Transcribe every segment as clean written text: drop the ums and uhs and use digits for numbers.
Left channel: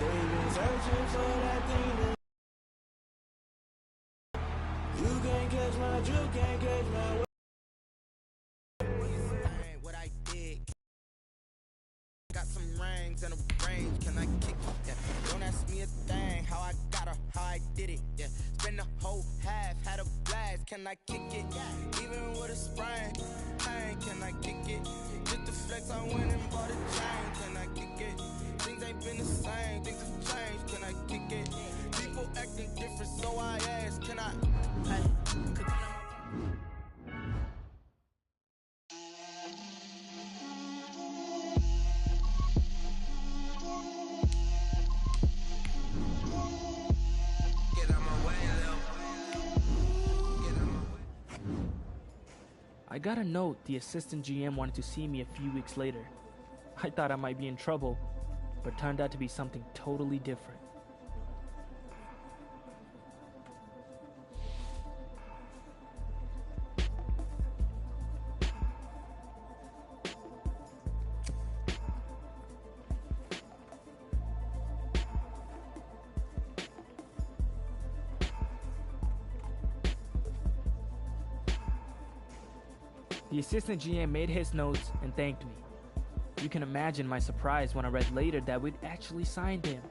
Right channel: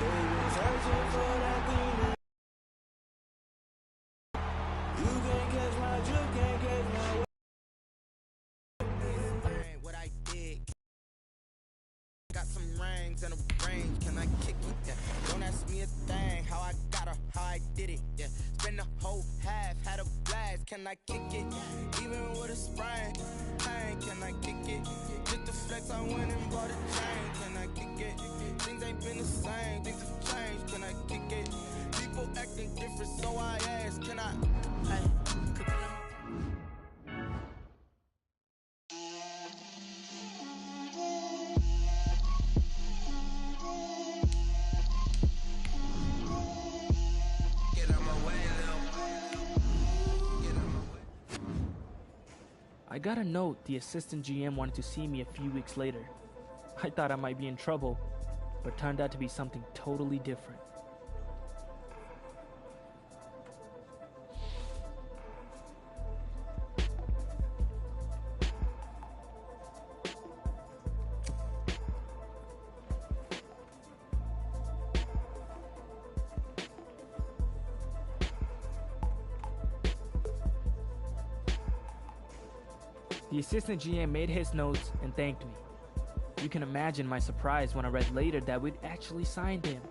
They've been searching for that thing that you can't catch my drift, can't catch my way. What I did. Got some rings and a range, can I kick it? Yeah. Don't ask me a thing, how I got her, how I did it. Yeah. Spend the whole half, had a blast, can I kick it? Even with a sprain, pain, can I kick it? Just the flex, I went and bought a chain, can I kick it? Things ain't been the same, things have changed, can I kick it? People acting different, so I ask, can I? Hey, I got a note the assistant GM wanted to see me a few weeks later. I thought I might be in trouble, but it turned out to be something totally different. The assistant GM made his notes and thanked me. You can imagine my surprise when I read later that we'd actually signed him.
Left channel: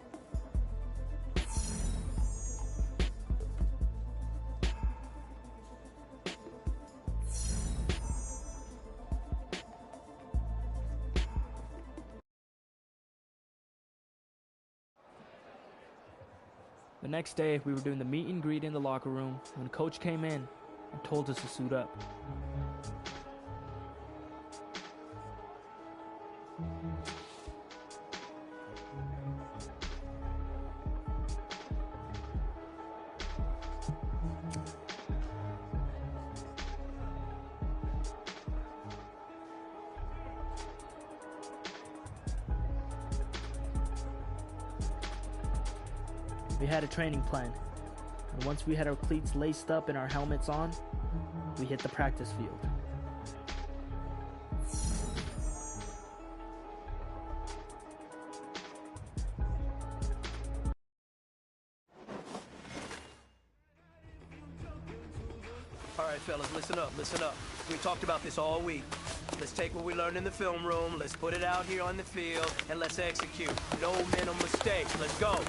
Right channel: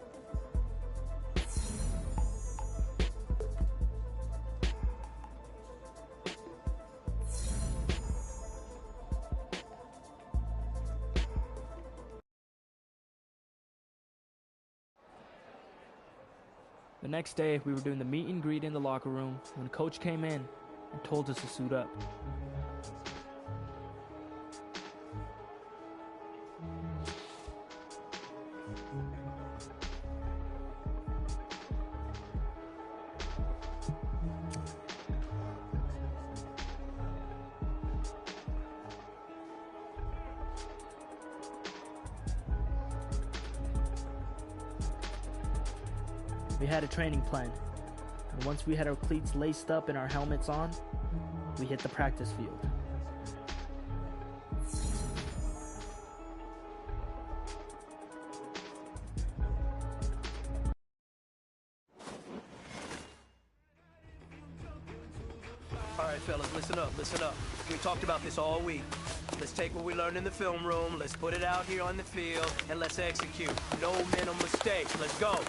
The next day, we were doing the meet and greet in the locker room when Coach came in and told us to suit up. We had a training plan, and once we had our cleats laced up and our helmets on, we hit the practice field. All right, fellas, listen up, listen up. We talked about this all week. Let's take what we learned in the film room, let's put it out here on the field, and let's execute. No mental mistakes. Let's go.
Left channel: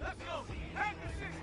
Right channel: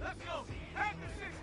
Let's go. Back to 60.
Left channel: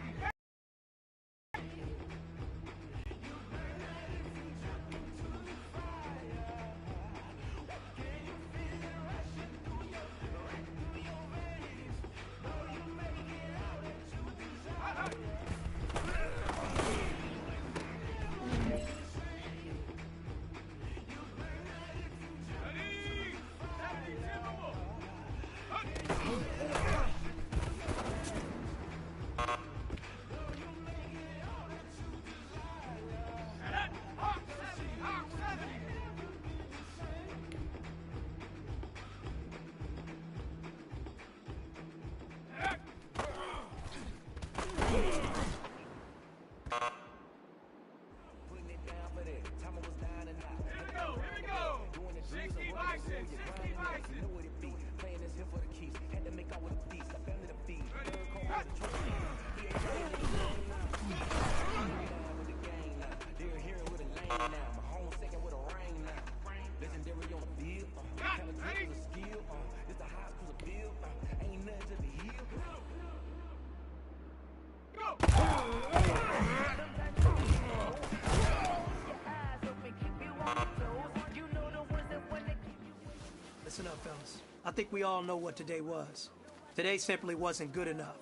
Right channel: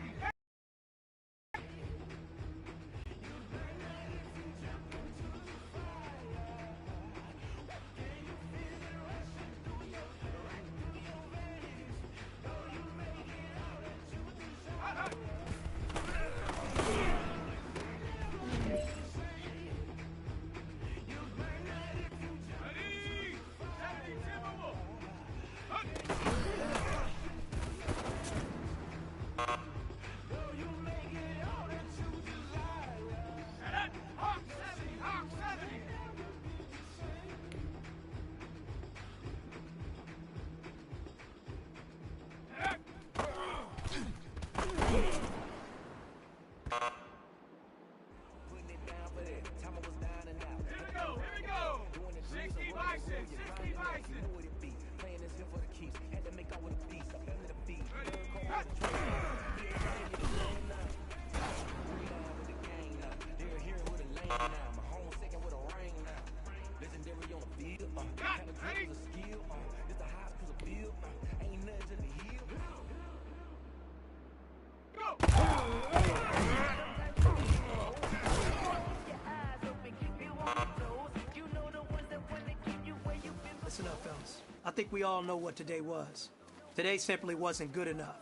Listen up, fellas. I think we all know what today was. Today simply wasn't good enough.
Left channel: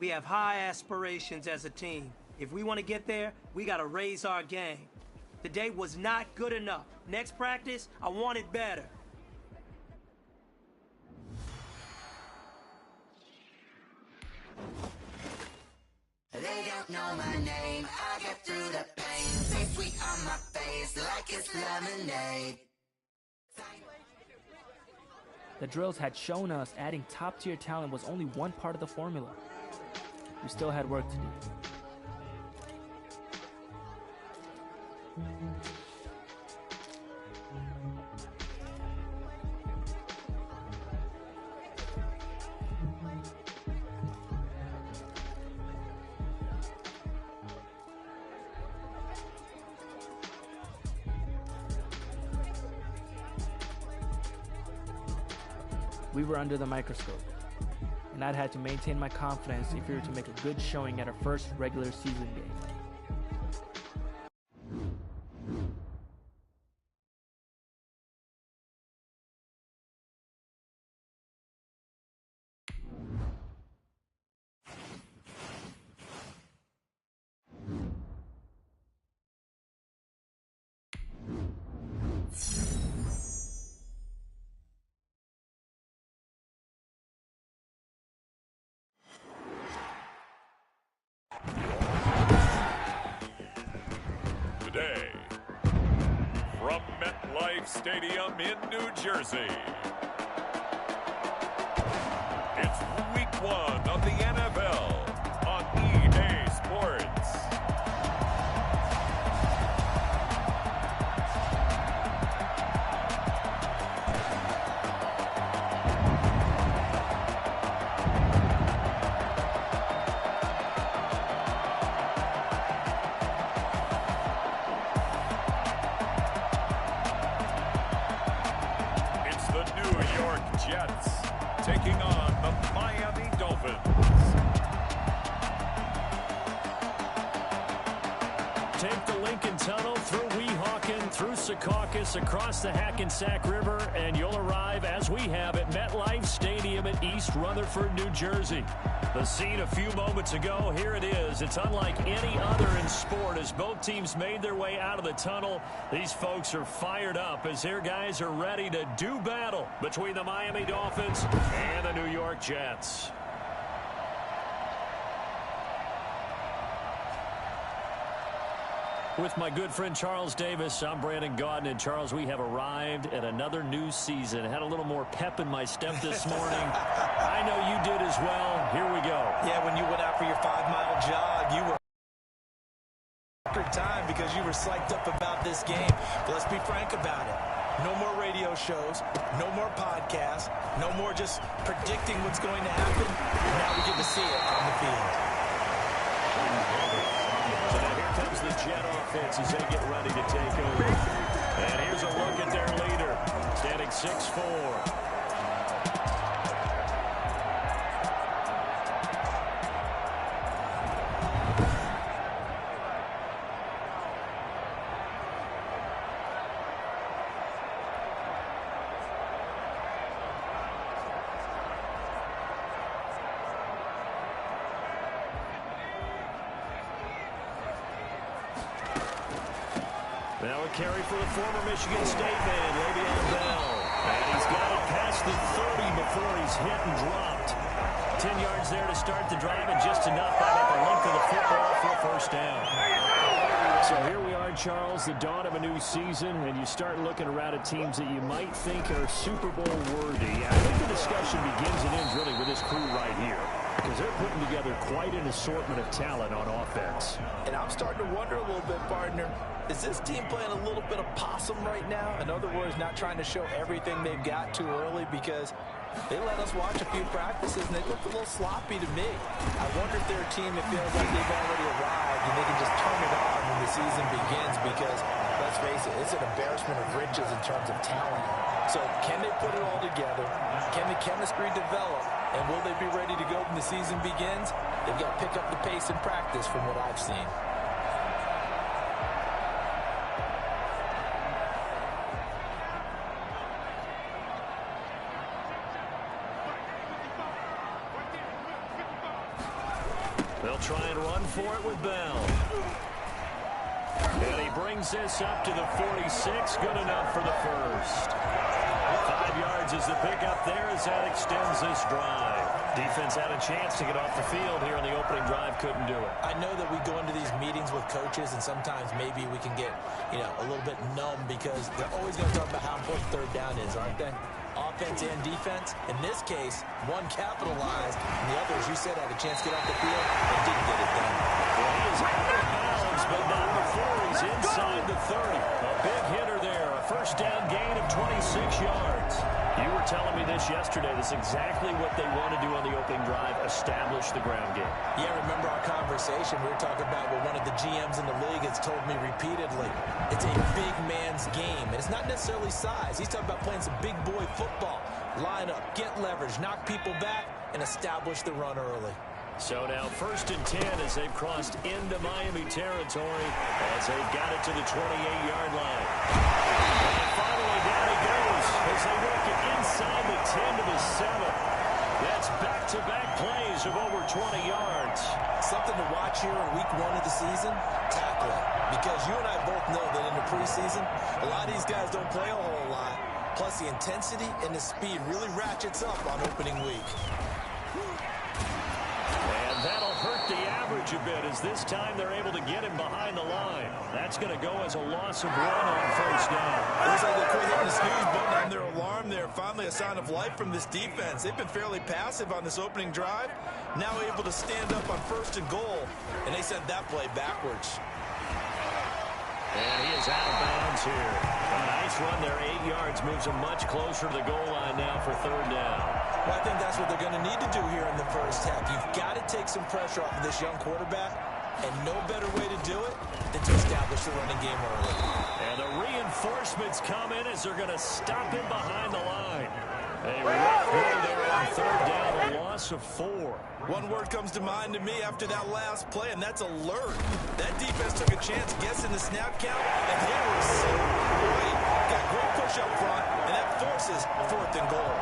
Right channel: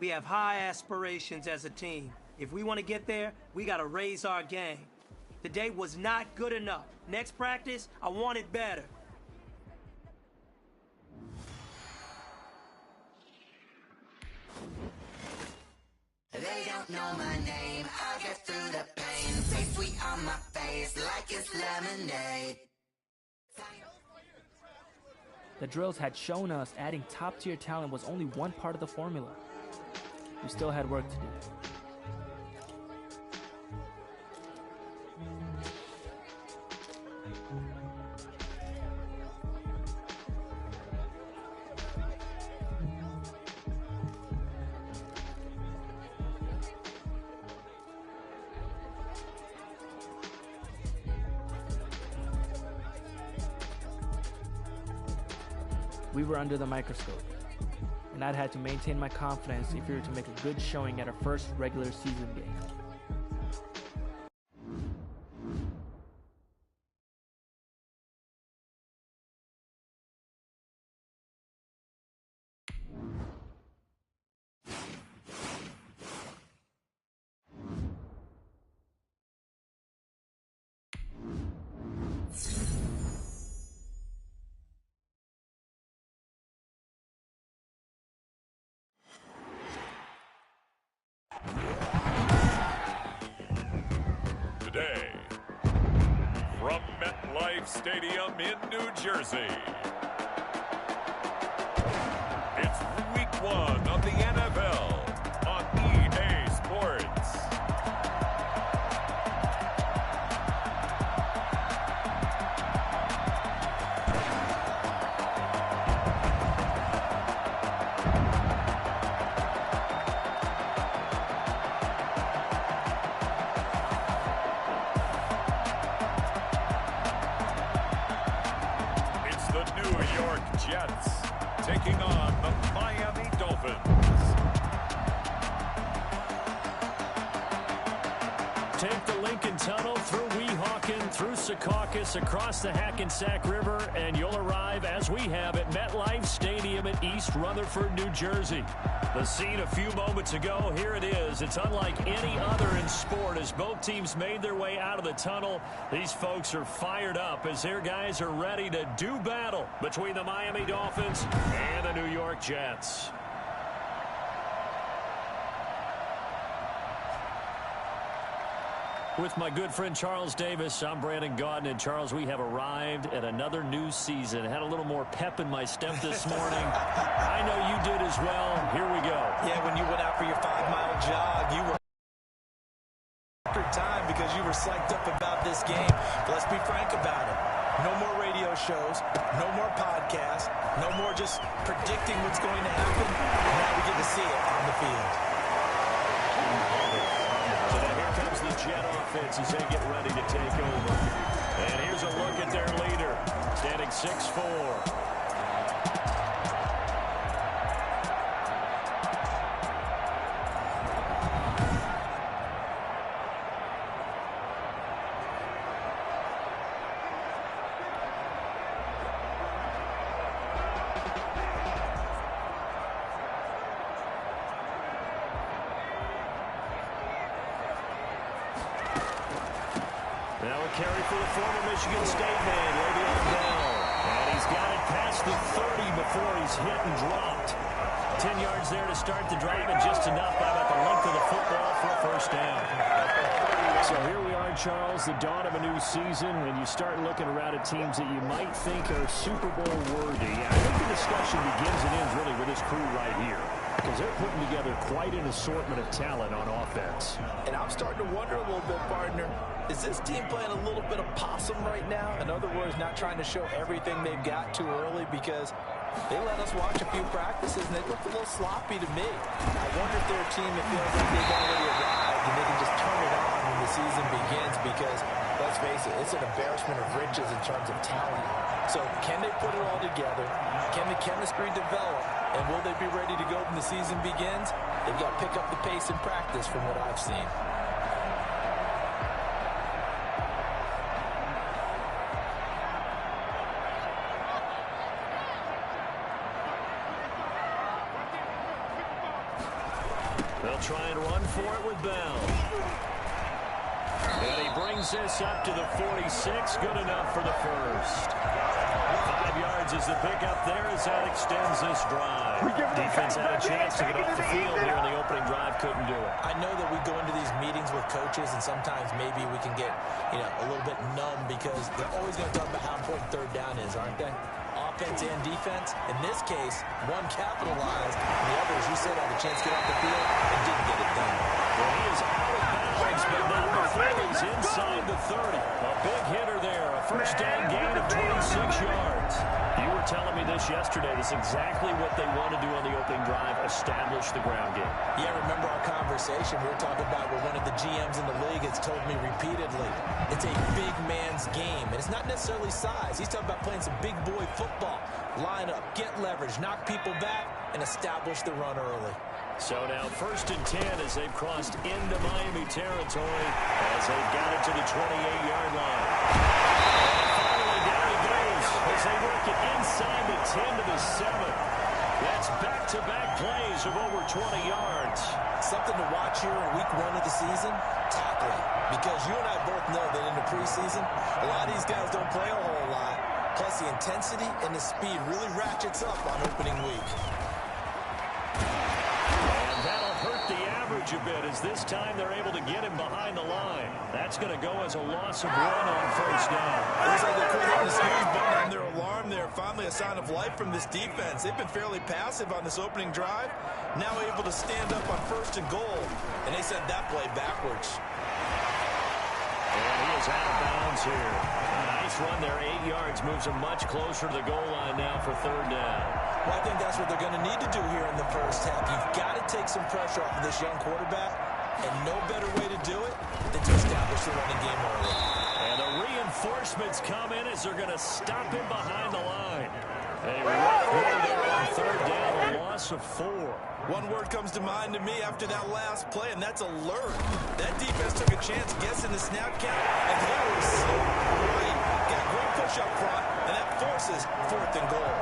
We have high aspirations as a team. If we want to get there, we got to raise our game. Today was not good enough. Next practice, I want it better. They don't know my name, I get through the pain. Taste sweet on my face like it's lemonade. The drills had shown us adding top-tier talent was only one part of the formula. We still had work to do. we were under the microscope, and I'd had to maintain my confidence if we were to make a good showing at our first regular season game. Today, from MetLife Stadium in New Jersey, it's Week 1 of the NFL on EA Sports. The New York Jets taking on the Miami Dolphins. Take the Lincoln Tunnel through Weehawken, through Secaucus, across the Hackensack River, and you'll arrive, as we have, at MetLife Stadium in East Rutherford, New Jersey. The scene a few moments ago, here it is. It's unlike any other in sport as both teams made their way out of the tunnel. These folks are fired up as their guys are ready to do battle between the Miami Dolphins and the New York Jets. With my good friend Charles Davis, I'm Brandon Gaudin. And Charles, we have arrived at another new season. I had a little more pep in my step this morning. I know you did as well. Here we go. Yeah, when you went out for your 5-mile jog, you were record time because you were psyched up about this game. But let's be frank about it. No more radio shows, no more podcasts, no more just predicting what's going to happen. Now we get to see it on the field. So now here comes the Jet offense as they get ready to take over. And here's a look at their leader, standing 6'4". Now a carry for the former Michigan State man, Le'Veon Bell. And he's got it past the 30 before he's hit and dropped. 10 yards there to start the drive, and just enough by about the length of the football for a first down. So here we are, Charles, the dawn of a new season, and you start looking around at teams that you might think are Super Bowl worthy. I think the discussion begins and ends really with this crew right here, because they're putting together quite an assortment of talent on offense. And I'm starting to wonder a little bit, partner, is this team playing a little bit of possum right now? In other words, not trying to show everything they've got too early, because they let us watch a few practices and they looked a little sloppy to me. I wonder if they're a team that feels like they've already arrived and they can just turn it on when the season begins, because, let's face it, it's an embarrassment of riches in terms of talent. So can they put it all together? Can the chemistry develop? And will they be ready to go when the season begins? They've got to pick up the pace in practice from what I've seen. They'll try and run for it with Bell. And he brings this up to the 46. Good enough for the first. 5 yards is the pickup there as that extends this drive. Defense had a chance to get off the field here in the opening drive. Couldn't do it. I know that we go into these meetings with coaches, and sometimes maybe we can get, a little bit numb because they're always going to talk about how important third down is, aren't they? Offense and defense. In this case, one capitalized, and the other, as you said, had a chance to get off the field and didn't get it done. Well, he is out of bounds, but not before he's inside the 30. A big hitter there. A first down gain of 26 yards. You were telling me this yesterday. This is exactly what they want to do on the opening drive, establish the ground game. Yeah, remember our conversation. We were talking about what one of the GMs in the league has told me repeatedly. It's a big man's game, and it's not necessarily size. He's talking about playing some big boy football. call. Line up, get leverage, knock people back, and establish the run early. So now 1st and 10 as they've crossed into Miami territory as they've got it to the 28-yard line. And finally down he goes as they work it inside the 10 to the 7. That's back-to-back plays of over 20 yards. Something to watch here in week 1 of the season, tackling. Because you and I both know that in the preseason, a lot of these guys don't play a whole lot. Plus the intensity and the speed really ratchets up on opening week. And that'll hurt the average a bit as this time they're able to get him behind the line. That's going to go as a loss of 1 on 1st down. Looks like they quit hitting the snooze button on their alarm there. Finally a sign of life from this defense. They've been fairly passive on this opening drive. Now able to stand up on 1st and goal. And they sent that play backwards. And he is out of bounds here. A nice run there, 8 yards, moves him much closer to the goal line now for 3rd down. Well, I think that's what they're going to need to do here in the first half. You've got to take some pressure off of this young quarterback, and no better way to do it than to establish the running game early. And the reinforcements come in as they're going to stop him behind the line. A rough play there on 3rd down, a loss of 4. One word comes to mind to me after that last play, and that's alert. That defense took a chance guessing the snap count, and they were so right. Got great push up front, and that forces 4th and goal.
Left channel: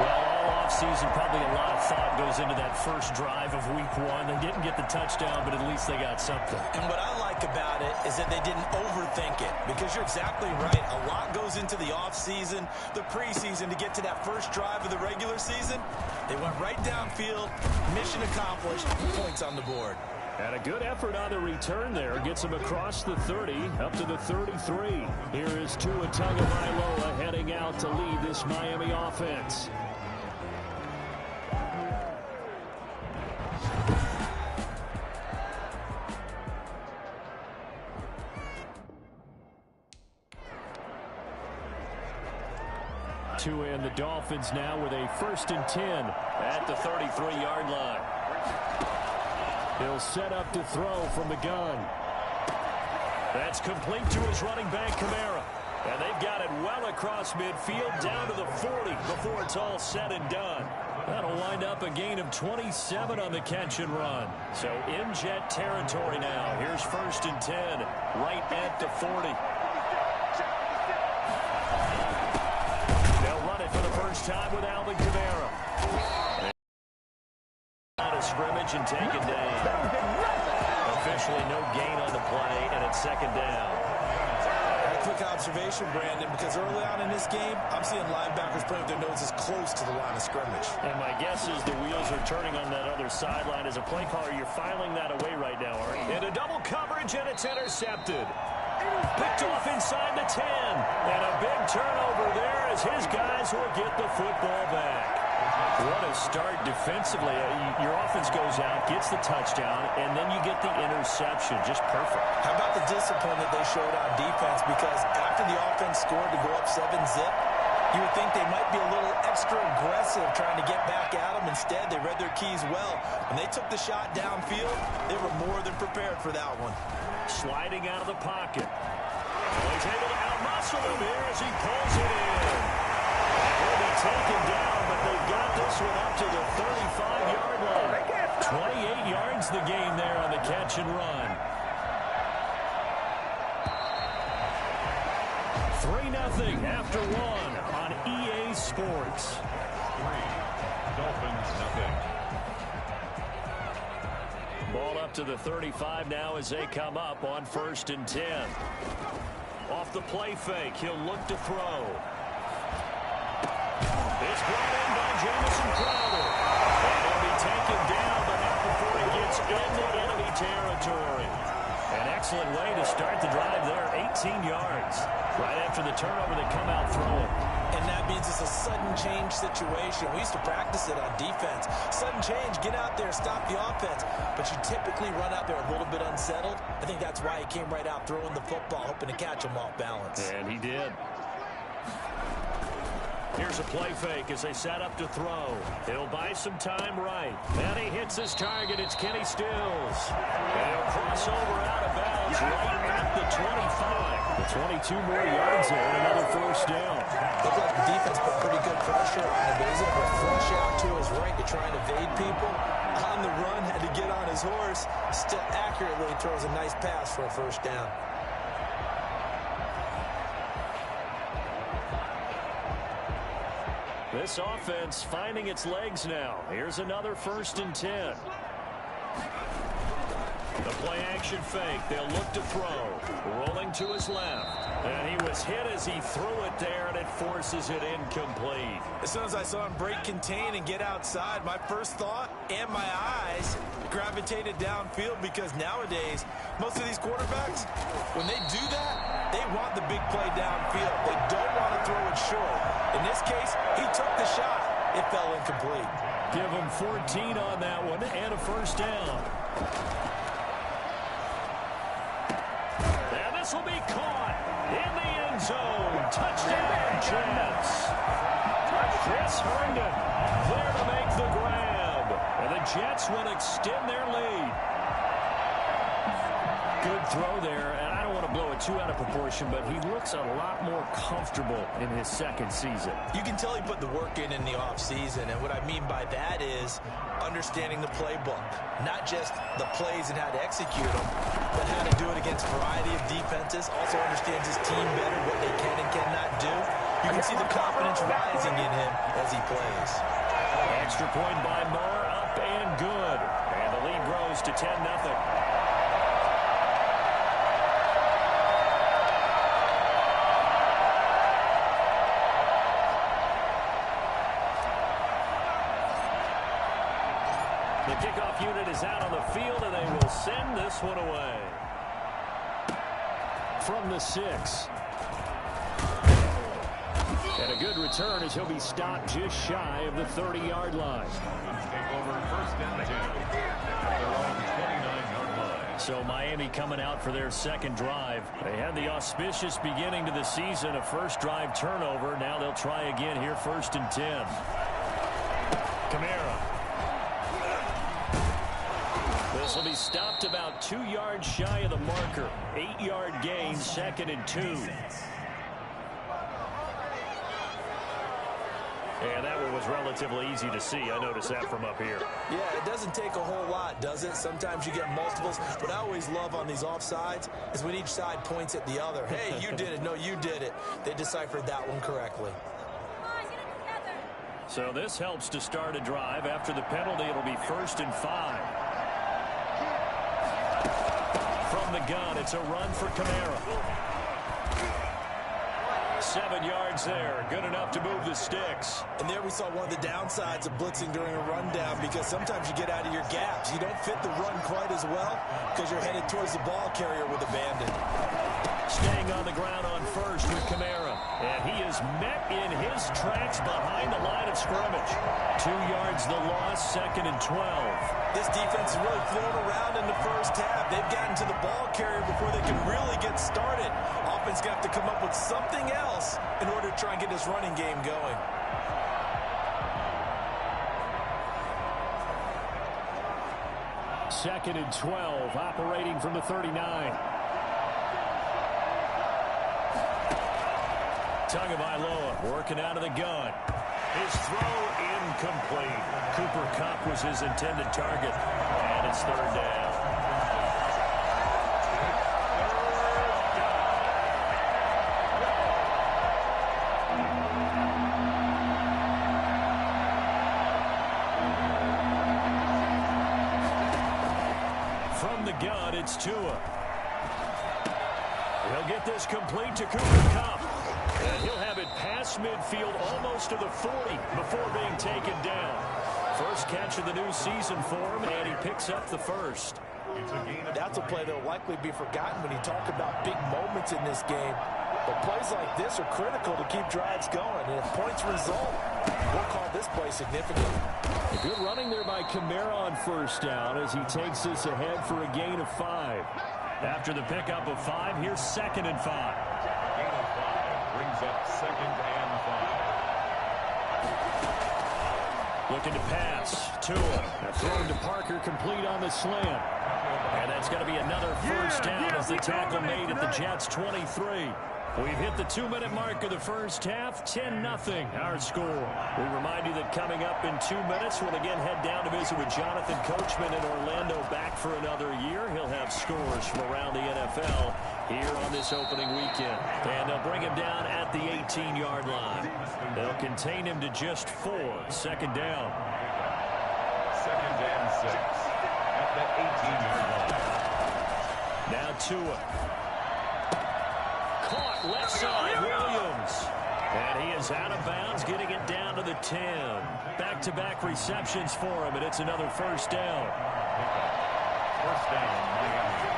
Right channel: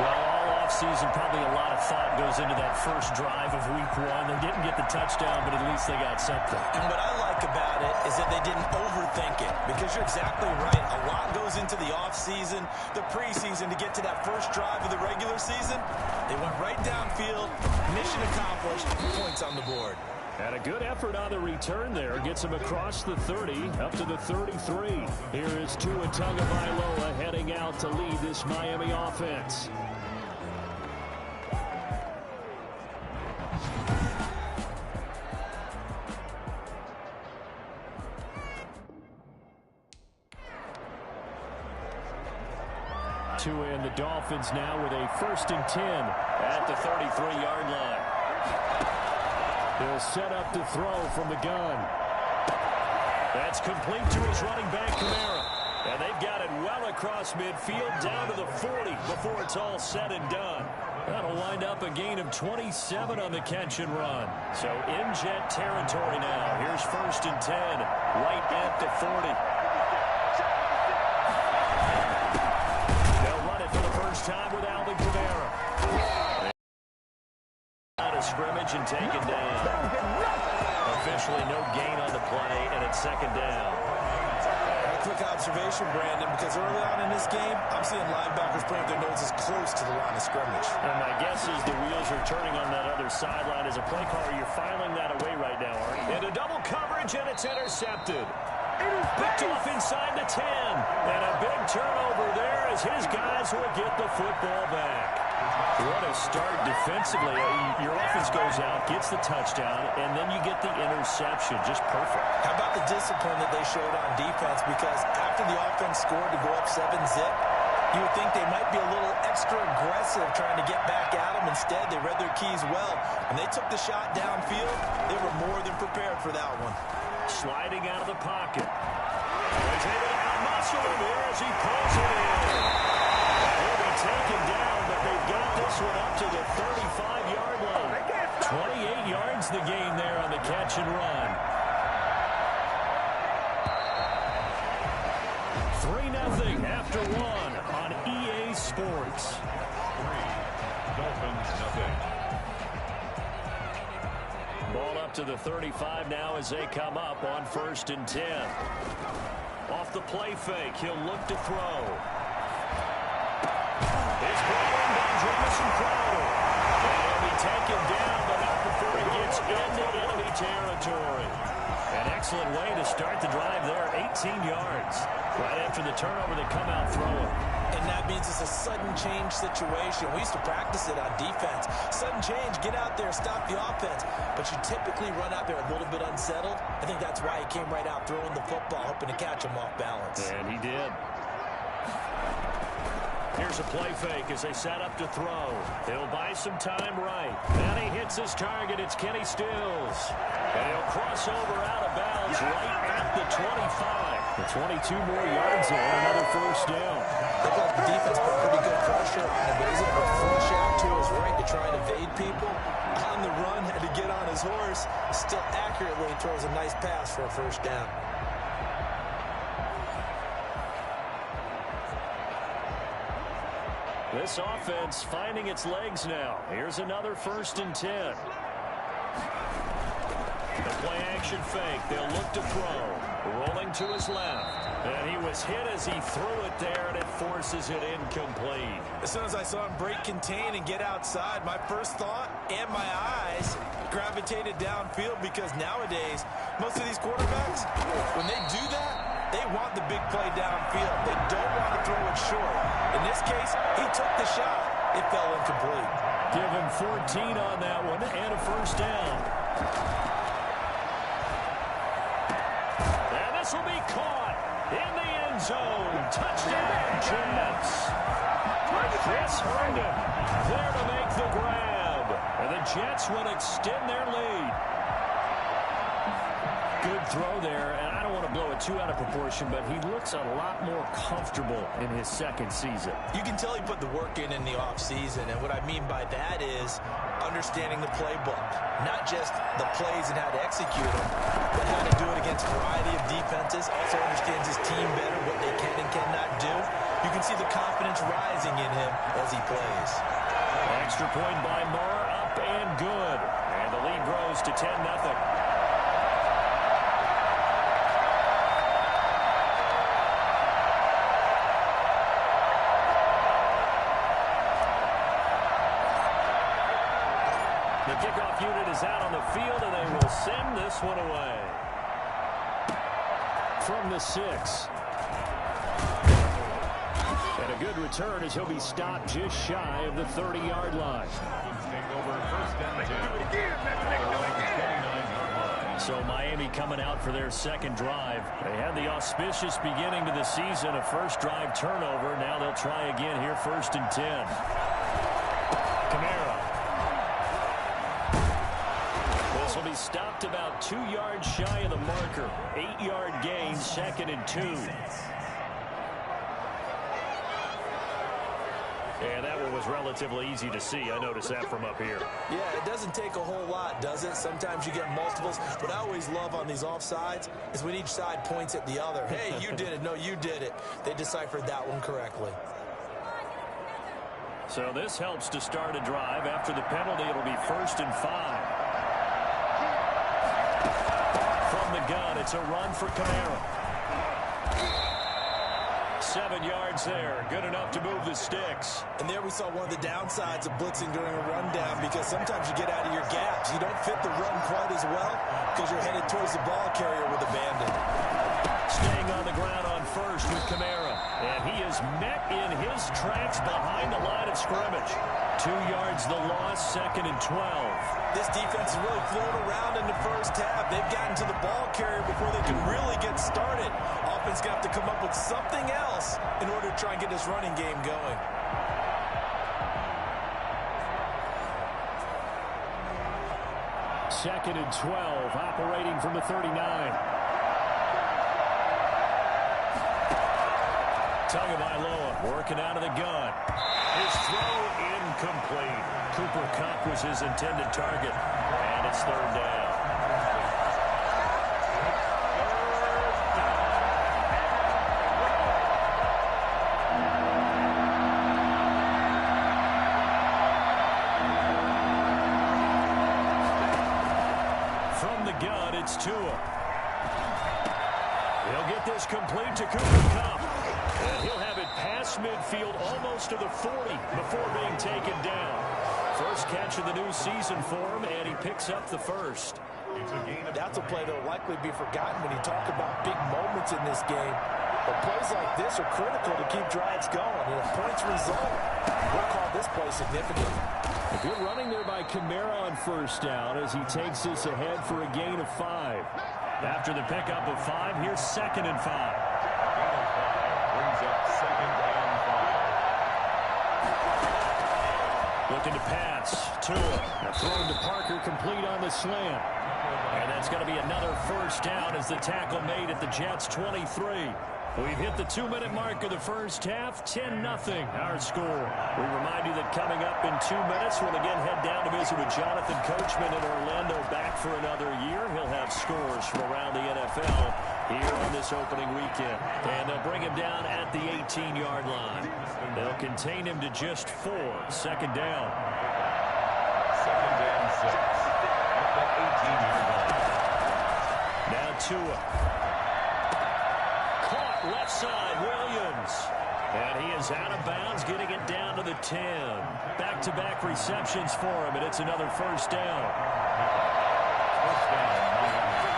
Well, all offseason, probably a lot of thought goes into that first drive of week 1. They didn't get the touchdown, but at least they got something. And what I like about it is that they didn't overthink it, because you're exactly right. A lot goes into the offseason, the preseason to get to that first drive of the regular season. They went right downfield, mission accomplished, points on the board. And a good effort on the return there. Gets him across the 30, up to the 33. Here is Tua Tagovailoa heading out to lead this Miami offense. Tua and the Dolphins now with a 1st and 10 at the 33-yard line. He'll set up to throw from the gun. That's complete to his running back, Kamara. And they've got it well across midfield down to the 40 before it's all said and done. That'll wind up a gain of 27 on the catch and run. So in jet territory now. Here's 1st and 10 right at the 40. They'll run it for the first time with Alvin Kamara. Out of scrimmage and taken down. Officially no gain on the play, and it's 2nd down. A quick observation, Brandon, because early on in this game, I'm seeing linebackers playing with their noses close to the line of scrimmage. And my guess is the wheels are turning on that other sideline. As a play caller, you're filing that away right now, Art. Into double coverage, and it's intercepted. Picked off inside the 10. And a big turnover there as his guys will get the football back. What a start defensively. Your offense goes out, gets the touchdown, and then you get the interception. Just perfect. How about the discipline that they showed on defense? Because after the offense scored to go up 7-zip, you would think they might be a little extra aggressive trying to get back at them. Instead, they read their keys well. When they took the shot downfield, they were more than prepared for that one. Sliding out of the pocket. He's able to outmuscle him here as he pulls it in. And he'll be taken down, but they've got this one up to the 35-yard line. 28 yards the gain there on the catch and run. 3-0 after 1 on EA Sports. 3, Dolphins, nothing. Ball up to the 35 now as they come up on 1st and 10. Off the play fake, he'll look to throw. It's brought in by Jamison Crowder. And he'll be taken down, but not before he gets into enemy territory. An excellent way to start the drive there, 18 yards. Right after the turnover, they come out throwing. And that means it's a sudden change situation. We used to practice it on defense. Sudden change, get out there, stop the offense. But you typically run out there a little bit unsettled. I think that's why he came right out throwing the football, hoping to catch him off balance. And he did. Here's a play fake as they set up to throw. He'll buy some time right. And he hits his target. It's Kenny Stills. And he'll cross over out of bounds right at the 25. The 22 more yards there, and another first down. Looked like the defense put pretty good pressure on him, but he's able to flush out to his right to try and evade people. On the run, had to get on his horse. Still accurately throws a nice pass for a first down. This offense finding its legs now. Here's another 1st and 10. The play action fake. They'll look to throw. Rolling to his left. And he was hit as he threw it there, and it forces it incomplete. As soon as I saw him break contain and get outside, my first thought and my eyes gravitated downfield, because nowadays, most of these quarterbacks, when they do that, they want the big play downfield. They don't want to throw it short. In this case, he took the shot. It fell incomplete. Give him 14 on that one and a first down. And this will be caught in the end zone. Touchdown, Jets. Chris Herndon there to make the grab. And the Jets will extend their lead. Good throw there, and I don't want to blow it too out of proportion, but he looks a lot more comfortable in his second season. You can tell he put the work in the offseason, and what I mean by that is understanding the playbook. Not just the plays and how to execute them, but how to do it against a variety of defenses. Also understands his team better, what they can and cannot do. You can see the confidence rising in him as he plays. Extra point by Moore, up and good. And the lead grows to 10-0. The kickoff unit is out on the field, and they will send this one away. From the 6. And a good return as he'll be stopped just shy of the 30-yard line. Take over 1st and 10. Around the 29-yard line. So Miami coming out for their second drive. They had the auspicious beginning to the season, a first drive turnover. Now they'll try again here, 1st and 10. Kamara. This will be stopped about 2 yards shy of the marker. 8-yard gain, 2nd and 2. And that one was relatively easy to see. I noticed that from up here. Yeah, it doesn't take a whole lot, does it? Sometimes you get multiples. What I always love on these offsides is when each side points at the other. Hey, you did it. No, you did it. They deciphered that one correctly. So this helps to start a drive. After the penalty, it'll be 1st and 5. From the gun, it's a run for Kamara. 7 yards there. Good enough to move the sticks. And there we saw one of the downsides of blitzing during a rundown, because sometimes you get out of your gaps. You don't fit the run quite as well because you're headed towards the ball carrier with a bandit. Staying on the ground on 1st with Kamara. And he is met in his tracks behind the line of scrimmage. 2 yards the loss, 2nd and 12. This defense has really flown around in the first half. They've gotten to the ball carrier before they can really get started. Offense going to have to come up with something else in order to try and get this running game going. Second and 12, operating from the 39. Tagovailoa working out of the gun. His throw incomplete. Cooper Kupp was his intended target, and it's 3rd down. From the gun, it's Tua. He'll get this complete to Cooper Kupp. And he'll have it past midfield almost to the 40 before being taken down. First catch of the new season for him, and he picks up the 1st. That's a play that will likely be forgotten when you talk about big moments in this game. But plays like this are critical to keep drives going. And if points result, we'll call this play significant. A good running there by Kamara on 1st down as he takes this ahead for a gain of 5. After the pickup of 5, here's 2nd and 5. Gain of 5 brings up 2nd and 5. Looking to pass. Tua. Thrown to Parker, complete on the slant. And that's going to be another first down as the tackle made at the Jets' 23. We've hit the 2-minute mark of the first half, 10-0 our score. We remind you that coming up in 2 minutes, we'll again head down to visit with Jonathan Coachman in Orlando, back for another year. He'll have scores from around the NFL here on this opening weekend. And they'll bring him down at the 18-yard line. They'll contain him to just 4. Second down. 2nd and 6 at the 18-yard line. Now Tua. Caught left side, Williams. And he is out of bounds, getting it down to the 10. Back-to-back receptions for him, and it's another first down. First down, Miami.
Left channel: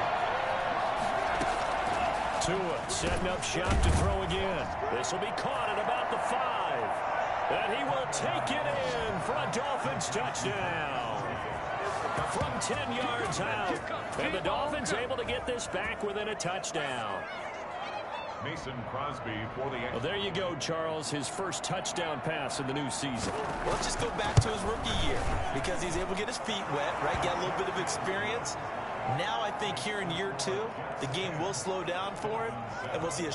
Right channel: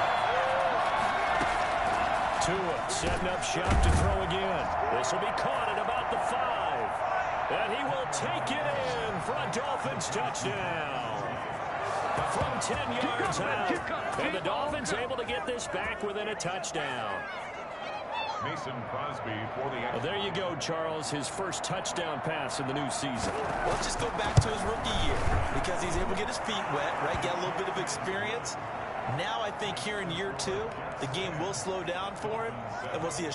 Tua setting up shop to throw again. This will be caught at about the 5. And he will take it in for a Dolphins touchdown. From 10 yards out. And the Dolphins able to get this back within a touchdown. Mason Crosby for the... Well, there you go, Charles. His first touchdown pass in the new season. Well, let's just go back to his rookie year because he's able to get his feet wet, right? Get a little bit of experience. Now I think here in year 2, the game will slow down for him, and we'll see a...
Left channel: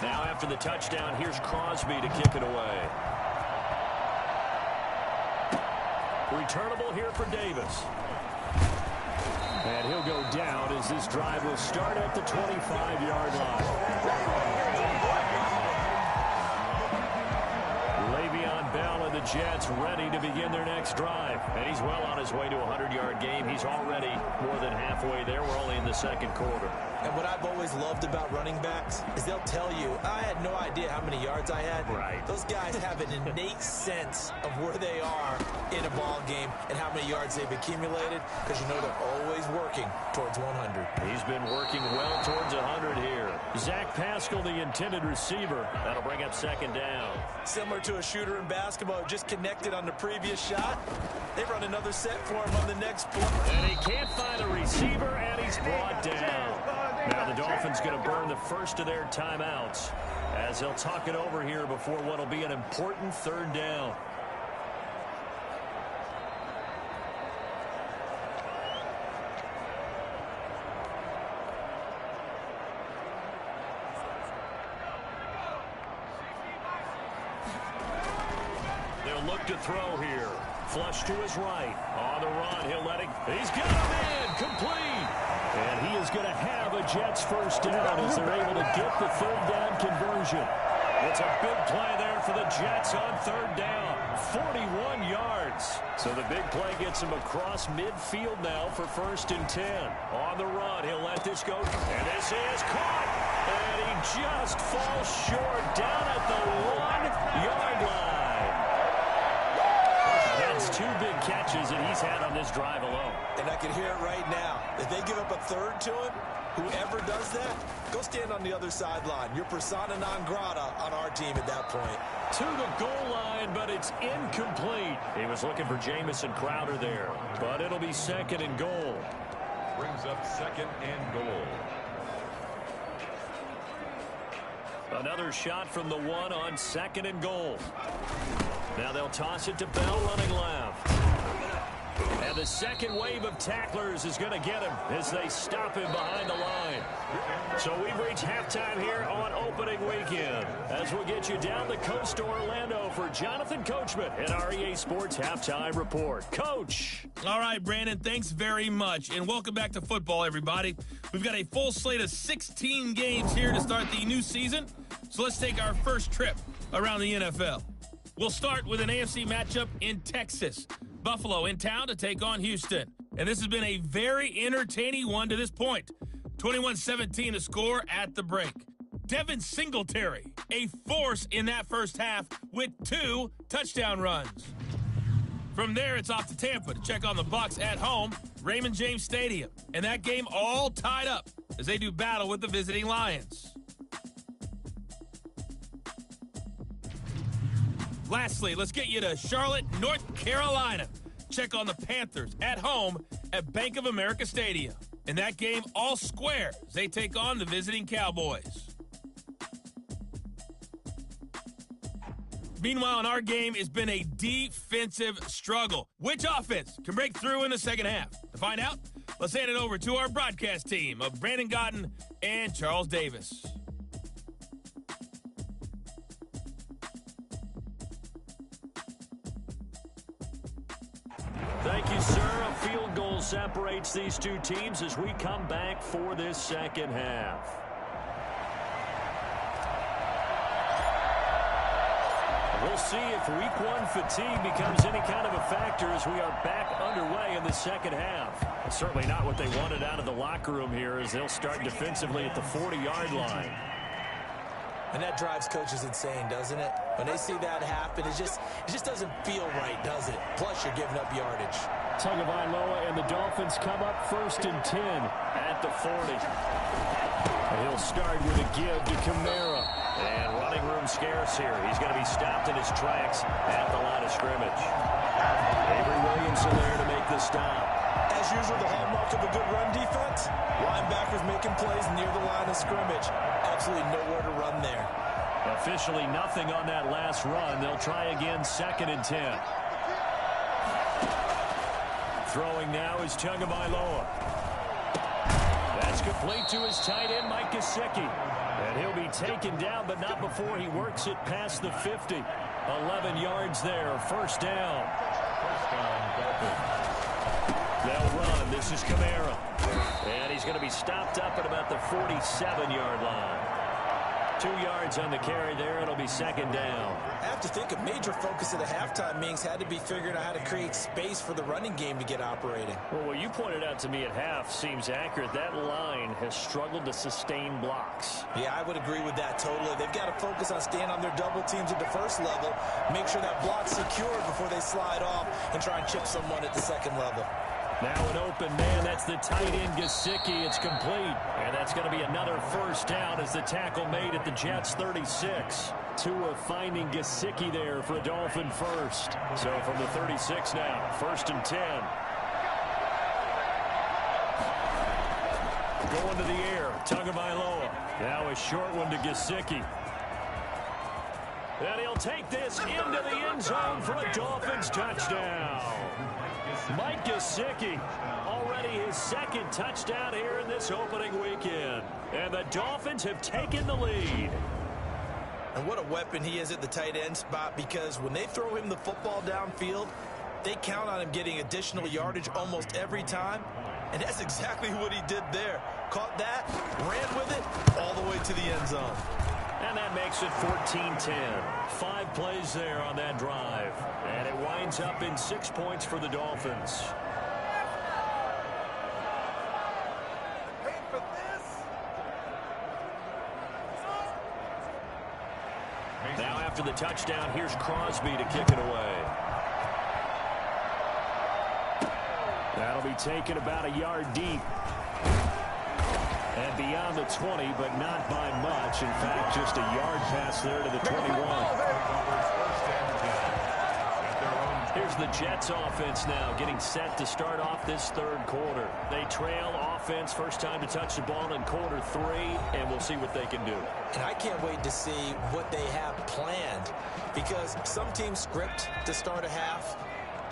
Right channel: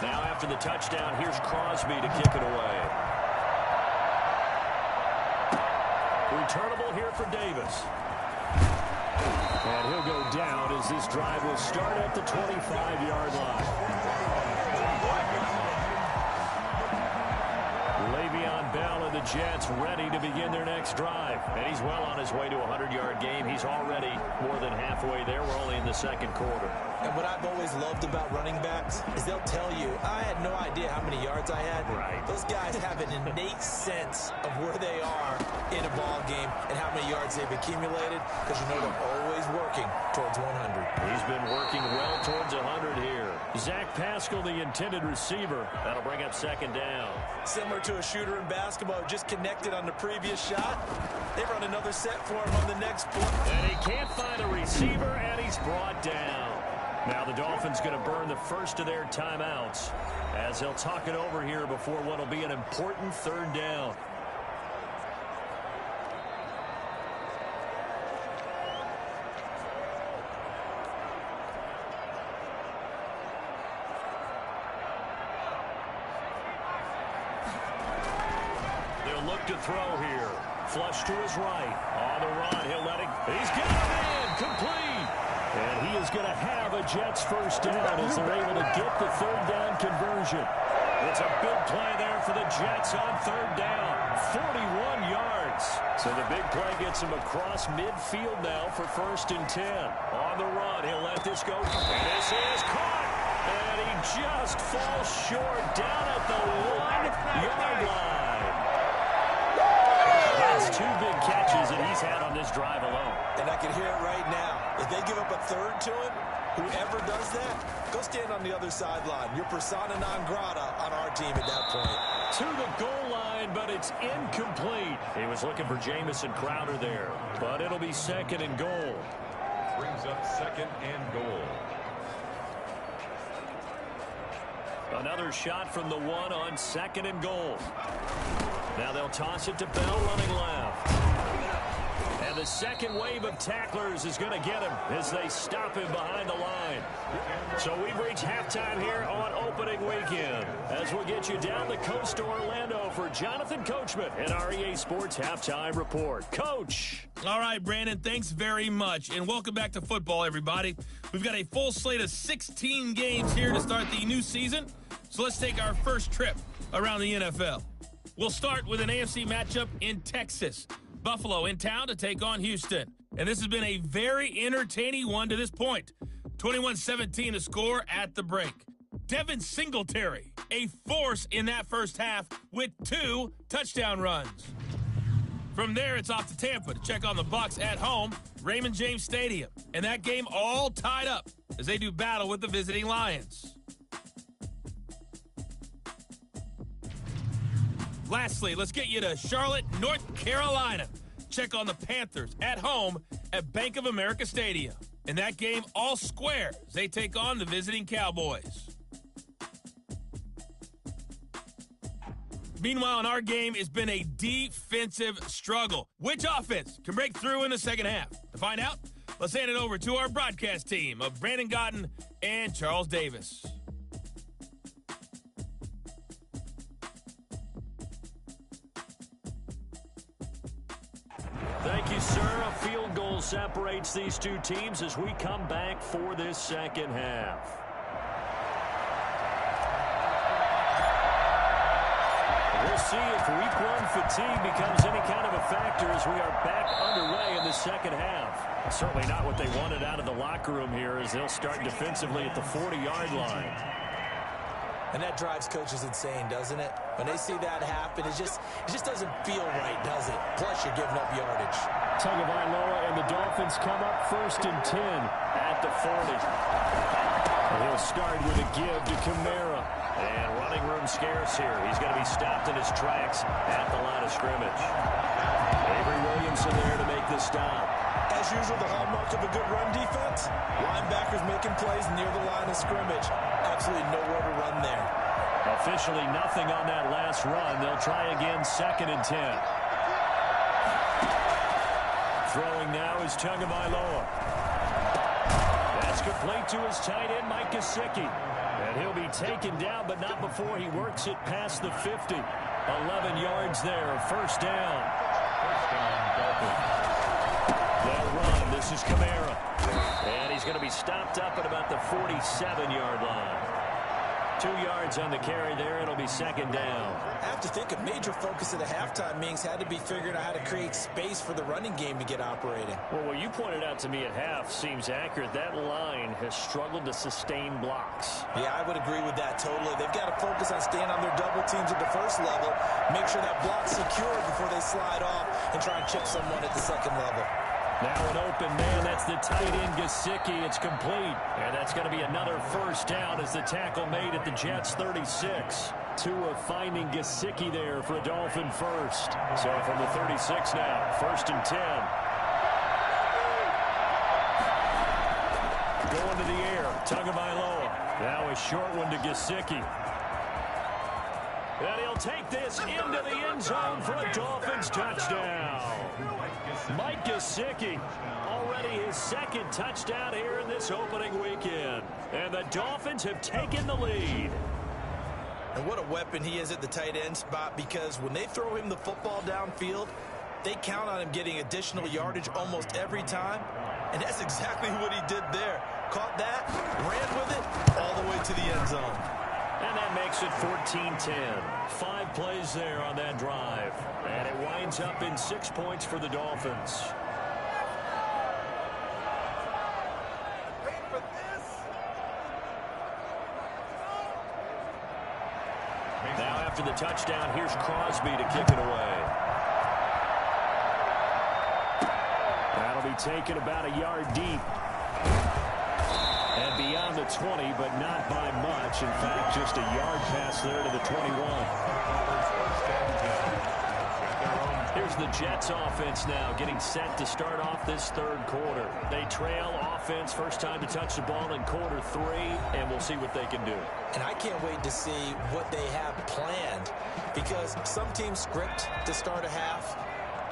Now after the touchdown, here's Crosby to kick it away. Returnable here for Davis. And he'll go down as this drive will start at the 25-yard line. Le'Veon Bell and the Jets ready to begin their next drive. And he's well on his way to a 100-yard game. He's already more than halfway there. We're only in the second quarter. And what I've always loved about running backs is they'll tell you, I had no idea how many yards I had. Right. Those guys have an innate sense of where they are in a ball game and how many yards they've accumulated because you know they're always working towards 100. He's been working well towards 100 here. Zach Pascal, the intended receiver. That'll bring up second down. Similar to a shooter in basketball who just connected on the previous shot. They run another set for him on the next play. And he can't find a receiver, and he's brought down. Now the Dolphins going to burn the first of their timeouts as they'll talk it over here before what will be an important third down. They'll look to throw here. Flush to his right. On the run, he'll let it. He's got a man complete. And he is going to have a Jets first down as they're able to get the third down conversion. It's a big play there for the Jets on third down. 41 yards. So the big play gets him across midfield now for 1st and 10. On the run, he'll let this go. And this is caught. And he just falls short down at the 1-yard line. That's 2 big catches that he's had on this drive alone. And I can hear it right now. If they give up a third to him, whoever does that, go stand on the other sideline. You're persona non grata on our team at that point. To the goal line, but it's incomplete. He was looking for Jamison Crowder there, but it'll be 2nd and goal. Brings up 2nd and goal. Another shot from the 1 on 2nd and goal. Now they'll toss it to Bell running left. And the second wave of tacklers is going to get him as they stop him behind the line. So we've reached halftime here on opening weekend as we'll get you down the coast to Orlando for Jonathan Coachman and our EA Sports Halftime Report. Coach. All right, Brandon, thanks very much. And welcome back to football, everybody. We've got a full slate of 16 games here to start the new season. So let's take our first trip around the NFL. We'll start with an AFC matchup in Texas. Buffalo in town to take on Houston. And this has been a very entertaining one to this point. 21-17 to score at the break. Devin Singletary, a force in that first half with 2 touchdown runs. From there, it's off to Tampa to check on the Bucs at home, Raymond James Stadium. And that game all tied up as they do battle with the visiting Lions. Lastly, let's get you to Charlotte, North Carolina. Check on the Panthers at home at Bank of America Stadium. In that game, all square as they take on the visiting Cowboys. Meanwhile, in our game, it's been a defensive struggle. Which offense can break through in the second half? To find out, let's hand it over to our broadcast team of Brandon Gotten and Charles Davis. Thank you, sir. A field goal separates these two teams as we come back for this second half. We'll see if week one fatigue becomes any kind of a factor as we are back underway in the second half. Certainly not what they wanted out of the locker room here as they'll start defensively at the 40-yard line. And that drives coaches insane, doesn't it? When they see that happen, it just doesn't feel right, does it? Plus, you're giving up yardage. Tagovailoa and the Dolphins come up 1st and 10 at the 40. And he'll start with a give to Kamara. And running room scarce here. He's going to be stopped in his tracks at the line of scrimmage. Avery Williamson there to make the stop. As usual, the hallmark of a good run defense, linebackers making plays near the line of scrimmage. Absolutely nowhere to run there. Officially nothing on that last run. They'll try again 2nd and 10. Throwing now is Tagovailoa. That's complete to his tight end, Mike Gesicki. And he'll be taken down, but not before he works it past the 50. 11 yards there, 1st down. They'll run. This is Kamara. And he's going to be stopped up at about the 47-yard line. 2 yards on the carry there. It'll be 2nd down. I have to think a major focus of the halftime meetings had to be figuring out how to create space for the running game to get operating. Well, what you pointed out to me at half seems accurate. That line has struggled to sustain blocks. Yeah, I would agree with that totally. They've got to focus on staying on their double teams at the first level, make sure that block's secured before they slide off and try and chip someone at the second level. Now an open man, that's the tight end Gesicki. It's complete. And that's going to be another 1st down as the tackle made at the Jets 36. Tua finding Gesicki there for a Dolphin first. So from the 36 now, 1st and 10. Going to the air, Tagovailoa. Now a short one to Gesicki. And he'll take this into the end zone for a Dolphins touchdown. Mike Gesicki, already his 2nd touchdown here in this opening weekend. And the Dolphins have taken the lead. And what a weapon he is at the tight end spot, because when they throw him the football downfield, they count on him getting additional yardage almost every time. And that's exactly what he did there. Caught that, ran with it, all the way to the end zone. And that makes it 14-10. 5 plays there on that drive. And it winds up in 6 points for the Dolphins. Now after the touchdown, here's Crosby to kick it away. That'll be taken about a yard deep. And beyond the 20, but not by much. In fact, just a yard pass there to the 21. Here's the Jets offense now getting set to start off this 3rd quarter. They trail offense, first time to touch the ball in quarter 3, and we'll see what they can do. And I can't wait to see what they have planned, because some teams script to start a half.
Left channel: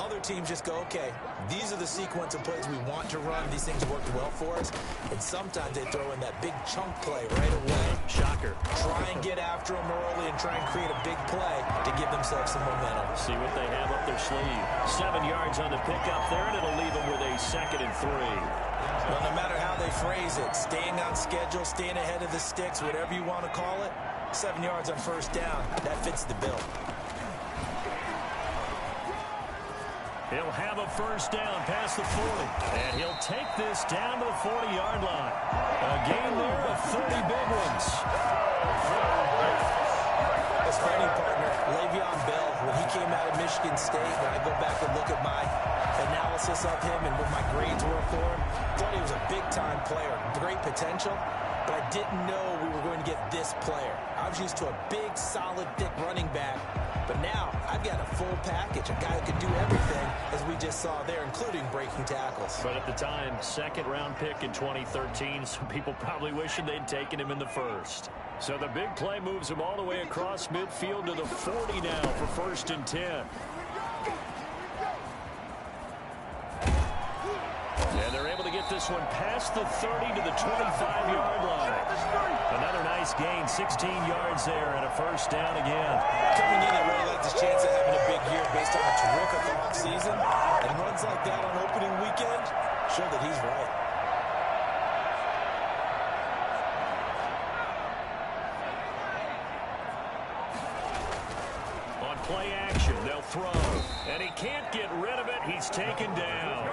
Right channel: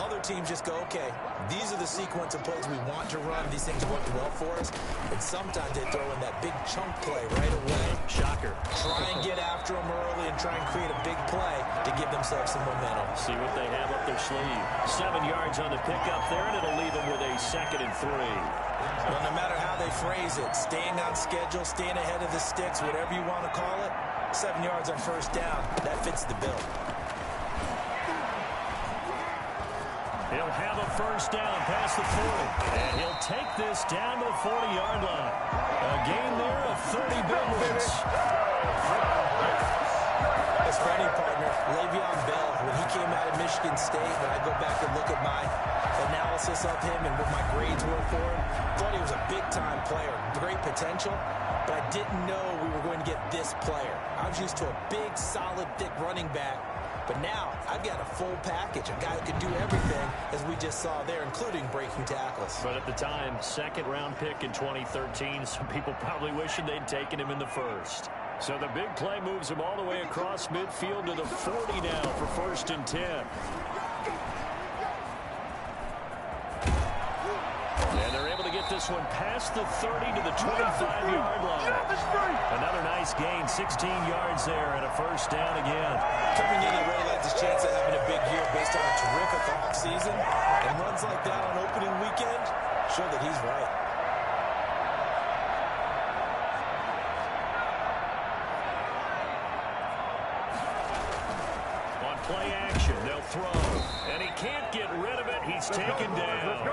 Other teams just go, okay, these are the sequence of plays we want to run. These things worked well for us. And sometimes they throw in that big chunk play right away. Shocker. Try and get after them early and try and create a big play to give themselves some momentum. See what they have up their sleeve. 7 yards on the pickup there, and it'll leave them with a 2nd and 3. Well, no matter how they phrase it, staying on schedule, staying ahead of the sticks, whatever you want to call it, 7 yards on 1st down, that fits the bill. He'll have a 1st down past the 40. And he'll take this down to the 40-yard line. A gain there of 30 big ones. That's funny, partner. Le'Veon Bell, when he came out of Michigan State, when I go back and look at my analysis of him and what my grades were for him, thought he was a big-time player, great potential, but I didn't know we were going to get this player. I was used to a big, solid, thick running back. But now I've got a full package, a guy who can do everything, as we just saw there, including breaking tackles. But at the time, second-round pick in 2013, some people probably wishing they'd taken him in the first. So the big play moves him all the way across midfield to the 40 now for 1st and 10. And they're able to get this one past the 30 to the 25-yard line. Another nice gain, 16 yards there, and a 1st down again. Coming in, he really likes his chance of having a big year based on a terrific offseason. And runs like that on opening weekend show that he's right. On play action, they'll throw. And he can't get rid of it. He's taken down.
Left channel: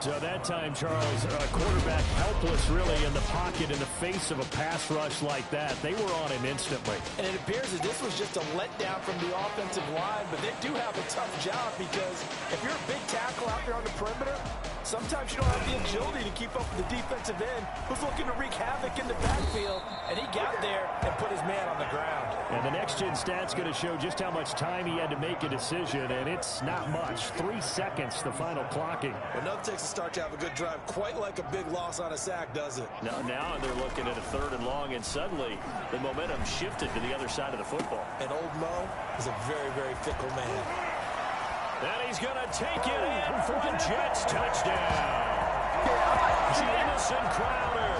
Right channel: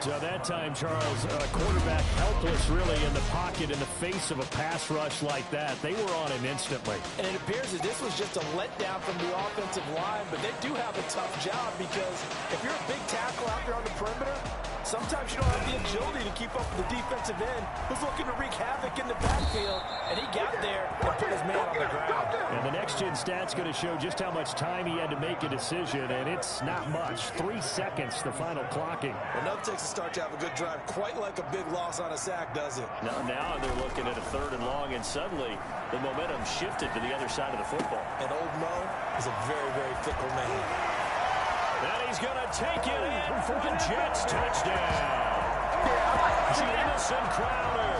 So that time, Charles, quarterback helpless really in the pocket in the face of a pass rush like that. They were on him instantly. And it appears that this was just a letdown from the offensive line, but they do have a tough job because if you're a big tackle out there on the perimeter, sometimes you don't have the agility to keep up with the defensive end who's looking to wreak havoc in the backfield, and he got there and put his man on the ground. And the next-gen stat's going to show just how much time he had to make a decision, and it's not much. 3 seconds, the final clocking. Well, nothing takes a start to have a good drive quite like a big loss on a sack, does it? Now they're looking at a 3rd and long, and suddenly the momentum shifted to the other side of the football. And old Mo is a very, very fickle man. And he's going to take it in for a Jets touchdown. Jamison Crowder,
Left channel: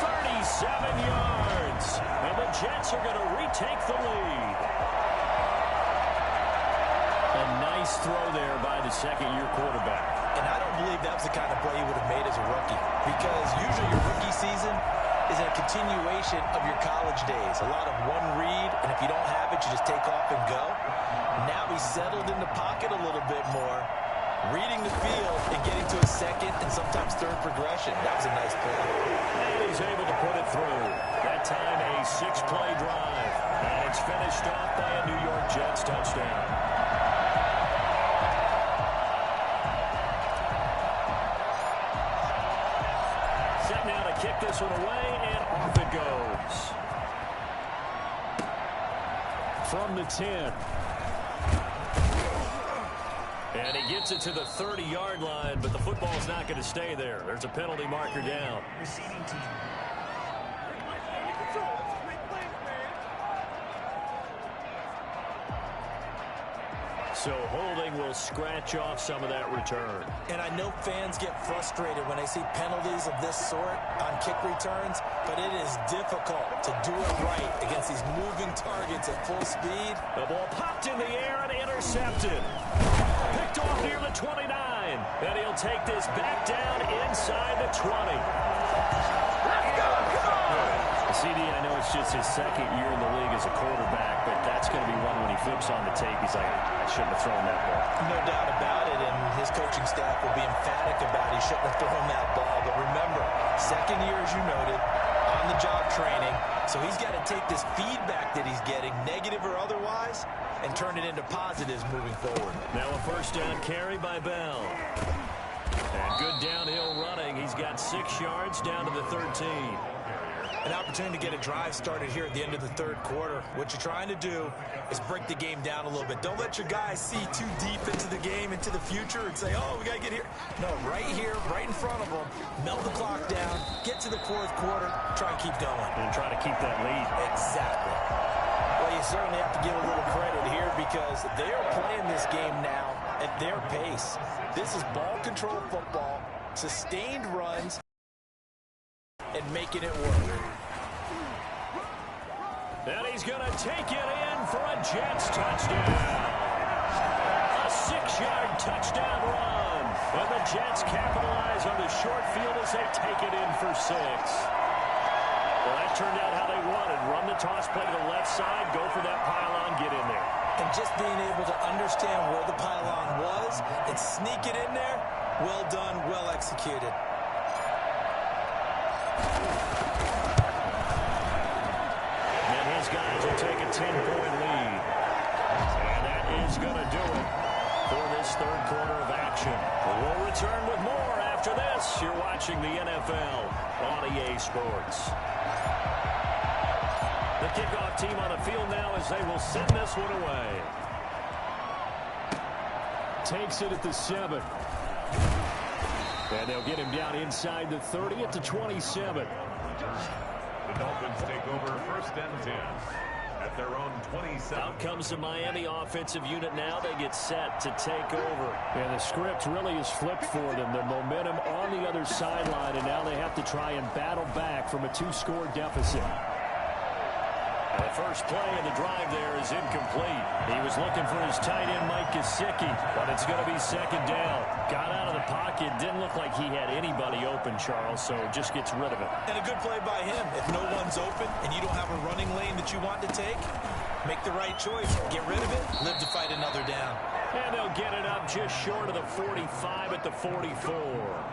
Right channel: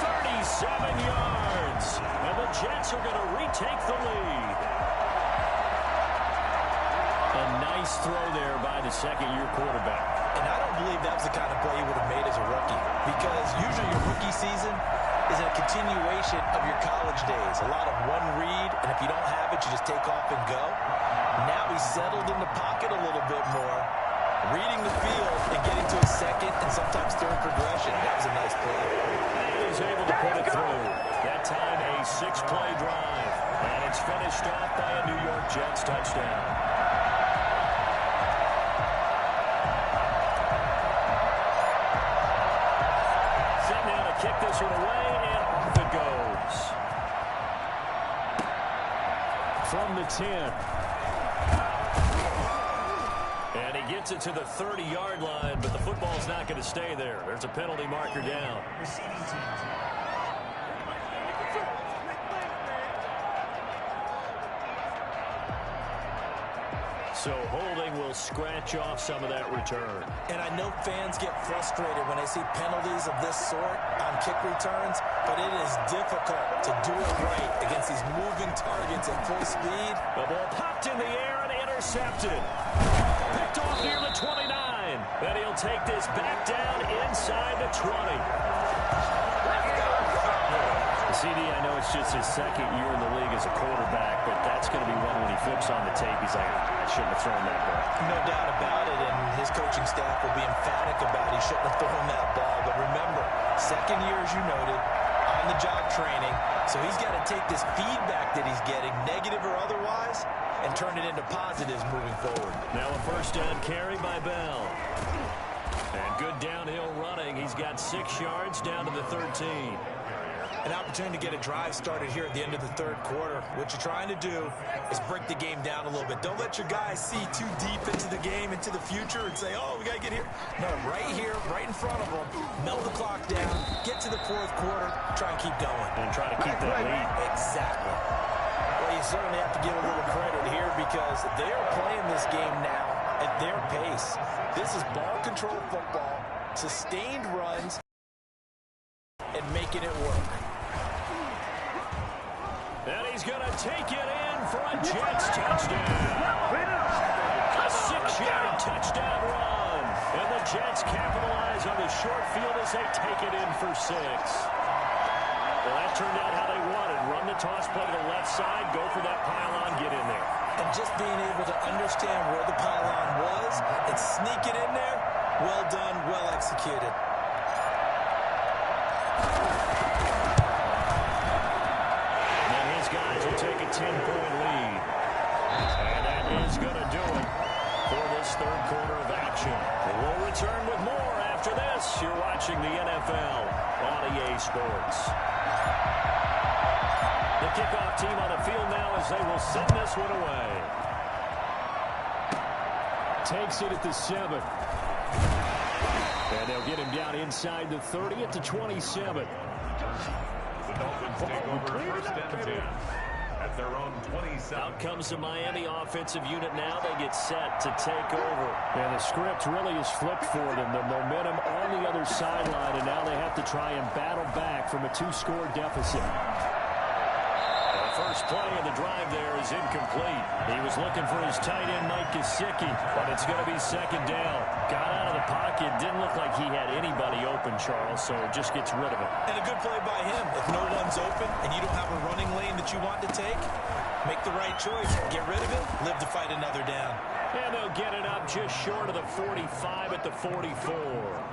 37 yards. And the Jets are going to retake the lead. A nice throw there by the second-year quarterback. And I don't believe that was the kind of play he would have made as a rookie, because usually your rookie season is a continuation of your college days. A lot of one read, and if you don't have it, you just take off and go. Now he's settled in the pocket a little bit more, reading the field and getting to his second and sometimes third progression. That was a nice play. And he's able to put it through. That time a 6-play drive. And it's finished off by a New York Jets touchdown. Set now to kick this one away, and off it goes. From the 10. And he gets it to the 30-yard line, but the football's not going to stay there. There's a penalty marker down. Receiving team. So holding will scratch off some of that return. And I know fans get frustrated when they see penalties of this sort on kick returns, but it is difficult to do it right against these moving targets at full speed. The ball popped in the air and intercepted. Picked off near the 29. And he'll take this back down inside the 20. Let's go! Come on! CD, I know it's just his second year in the league as a quarterback, but that's going to be one when he flips on the tape. He's like, I shouldn't have thrown that ball. No doubt about it, and his coaching staff will be emphatic about he shouldn't have thrown that ball. But remember, second year, as you noted, on-the-job training, so he's got to take this feedback that he's getting, negative or otherwise, and turn it into positives moving forward. Now a 1st down carry by Bell. And good downhill running. He's got 6 yards down to the 13. An opportunity to get a drive started here at the end of the 3rd quarter. What you're trying to do is break the game down a little bit. Don't let your guys see too deep into the game, into the future, and say, oh, we got to get here. No, right here, right in front of them, melt the clock down, get to the 4th quarter, try and keep going. And try to keep that lead. Exactly. Well, you certainly have to give a little credit here because they are playing this game now at their pace. This is ball control football, sustained runs, and making it work. And he's going to take it in for a Jets touchdown. A 6-yard touchdown run. And the Jets capitalize on the short field as they take it in for 6. Well, that turned out how they wanted. Run the toss play to the left side, go for that pylon, get in there. And just being able to understand where the pylon was and sneak it in there, well done, well executed. And his guys will take a 10-point lead. And that is going to do it for this 3rd quarter of action. We'll return with more after this. You're watching the NFL on EA Sports. The kickoff team on the field now as they will send this one away. Takes it at the 7. And they'll get him down inside the 30 at the 27. The Dolphins take over 1st and 10 at their own 27. Out comes the Miami offensive unit now. They get set to take over. And the script really is flipped for them. The momentum on the other sideline, and now they have to try and battle back from a 2-score deficit. The first play of the drive there is incomplete. He was looking for his tight end, Mike Gesicki, but it's going to be 2nd down. Got out of the pocket. Didn't look like he had anybody open, Charles, so just gets rid of it. And a good play by him. If no one's open and you don't have a running lane that you want to take, make the right choice. Get rid of it. Live to fight another down. And they'll get it up just short of the 45 at the 44.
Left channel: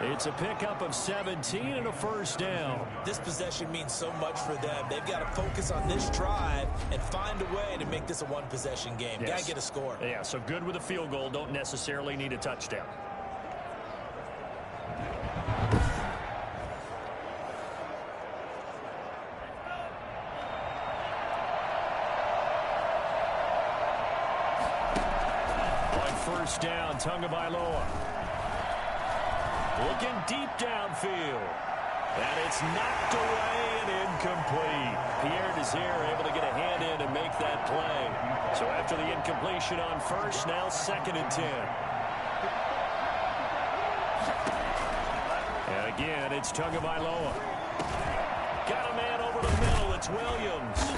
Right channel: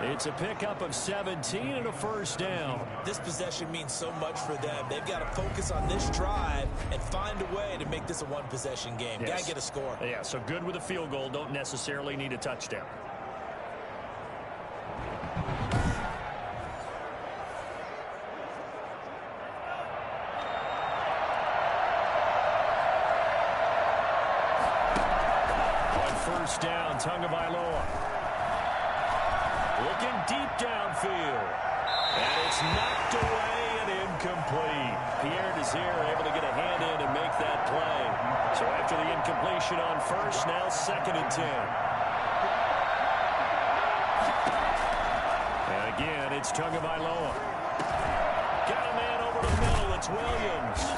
It's a pickup of 17 and a 1st down. This possession means so much for them. They've got to focus on this drive and find a way to make this a one-possession game. Yes. Got to get a score. Yeah, so good with a field goal. Don't necessarily need a touchdown. On 1st down, Tagovailoa. Looking deep downfield. And it's knocked away and incomplete. Pierre Desir able to get a hand in and make that play. So after the incompletion on 1st, now 2nd and 10. And again, it's Tagovailoa. Got a man over the middle. It's Williams.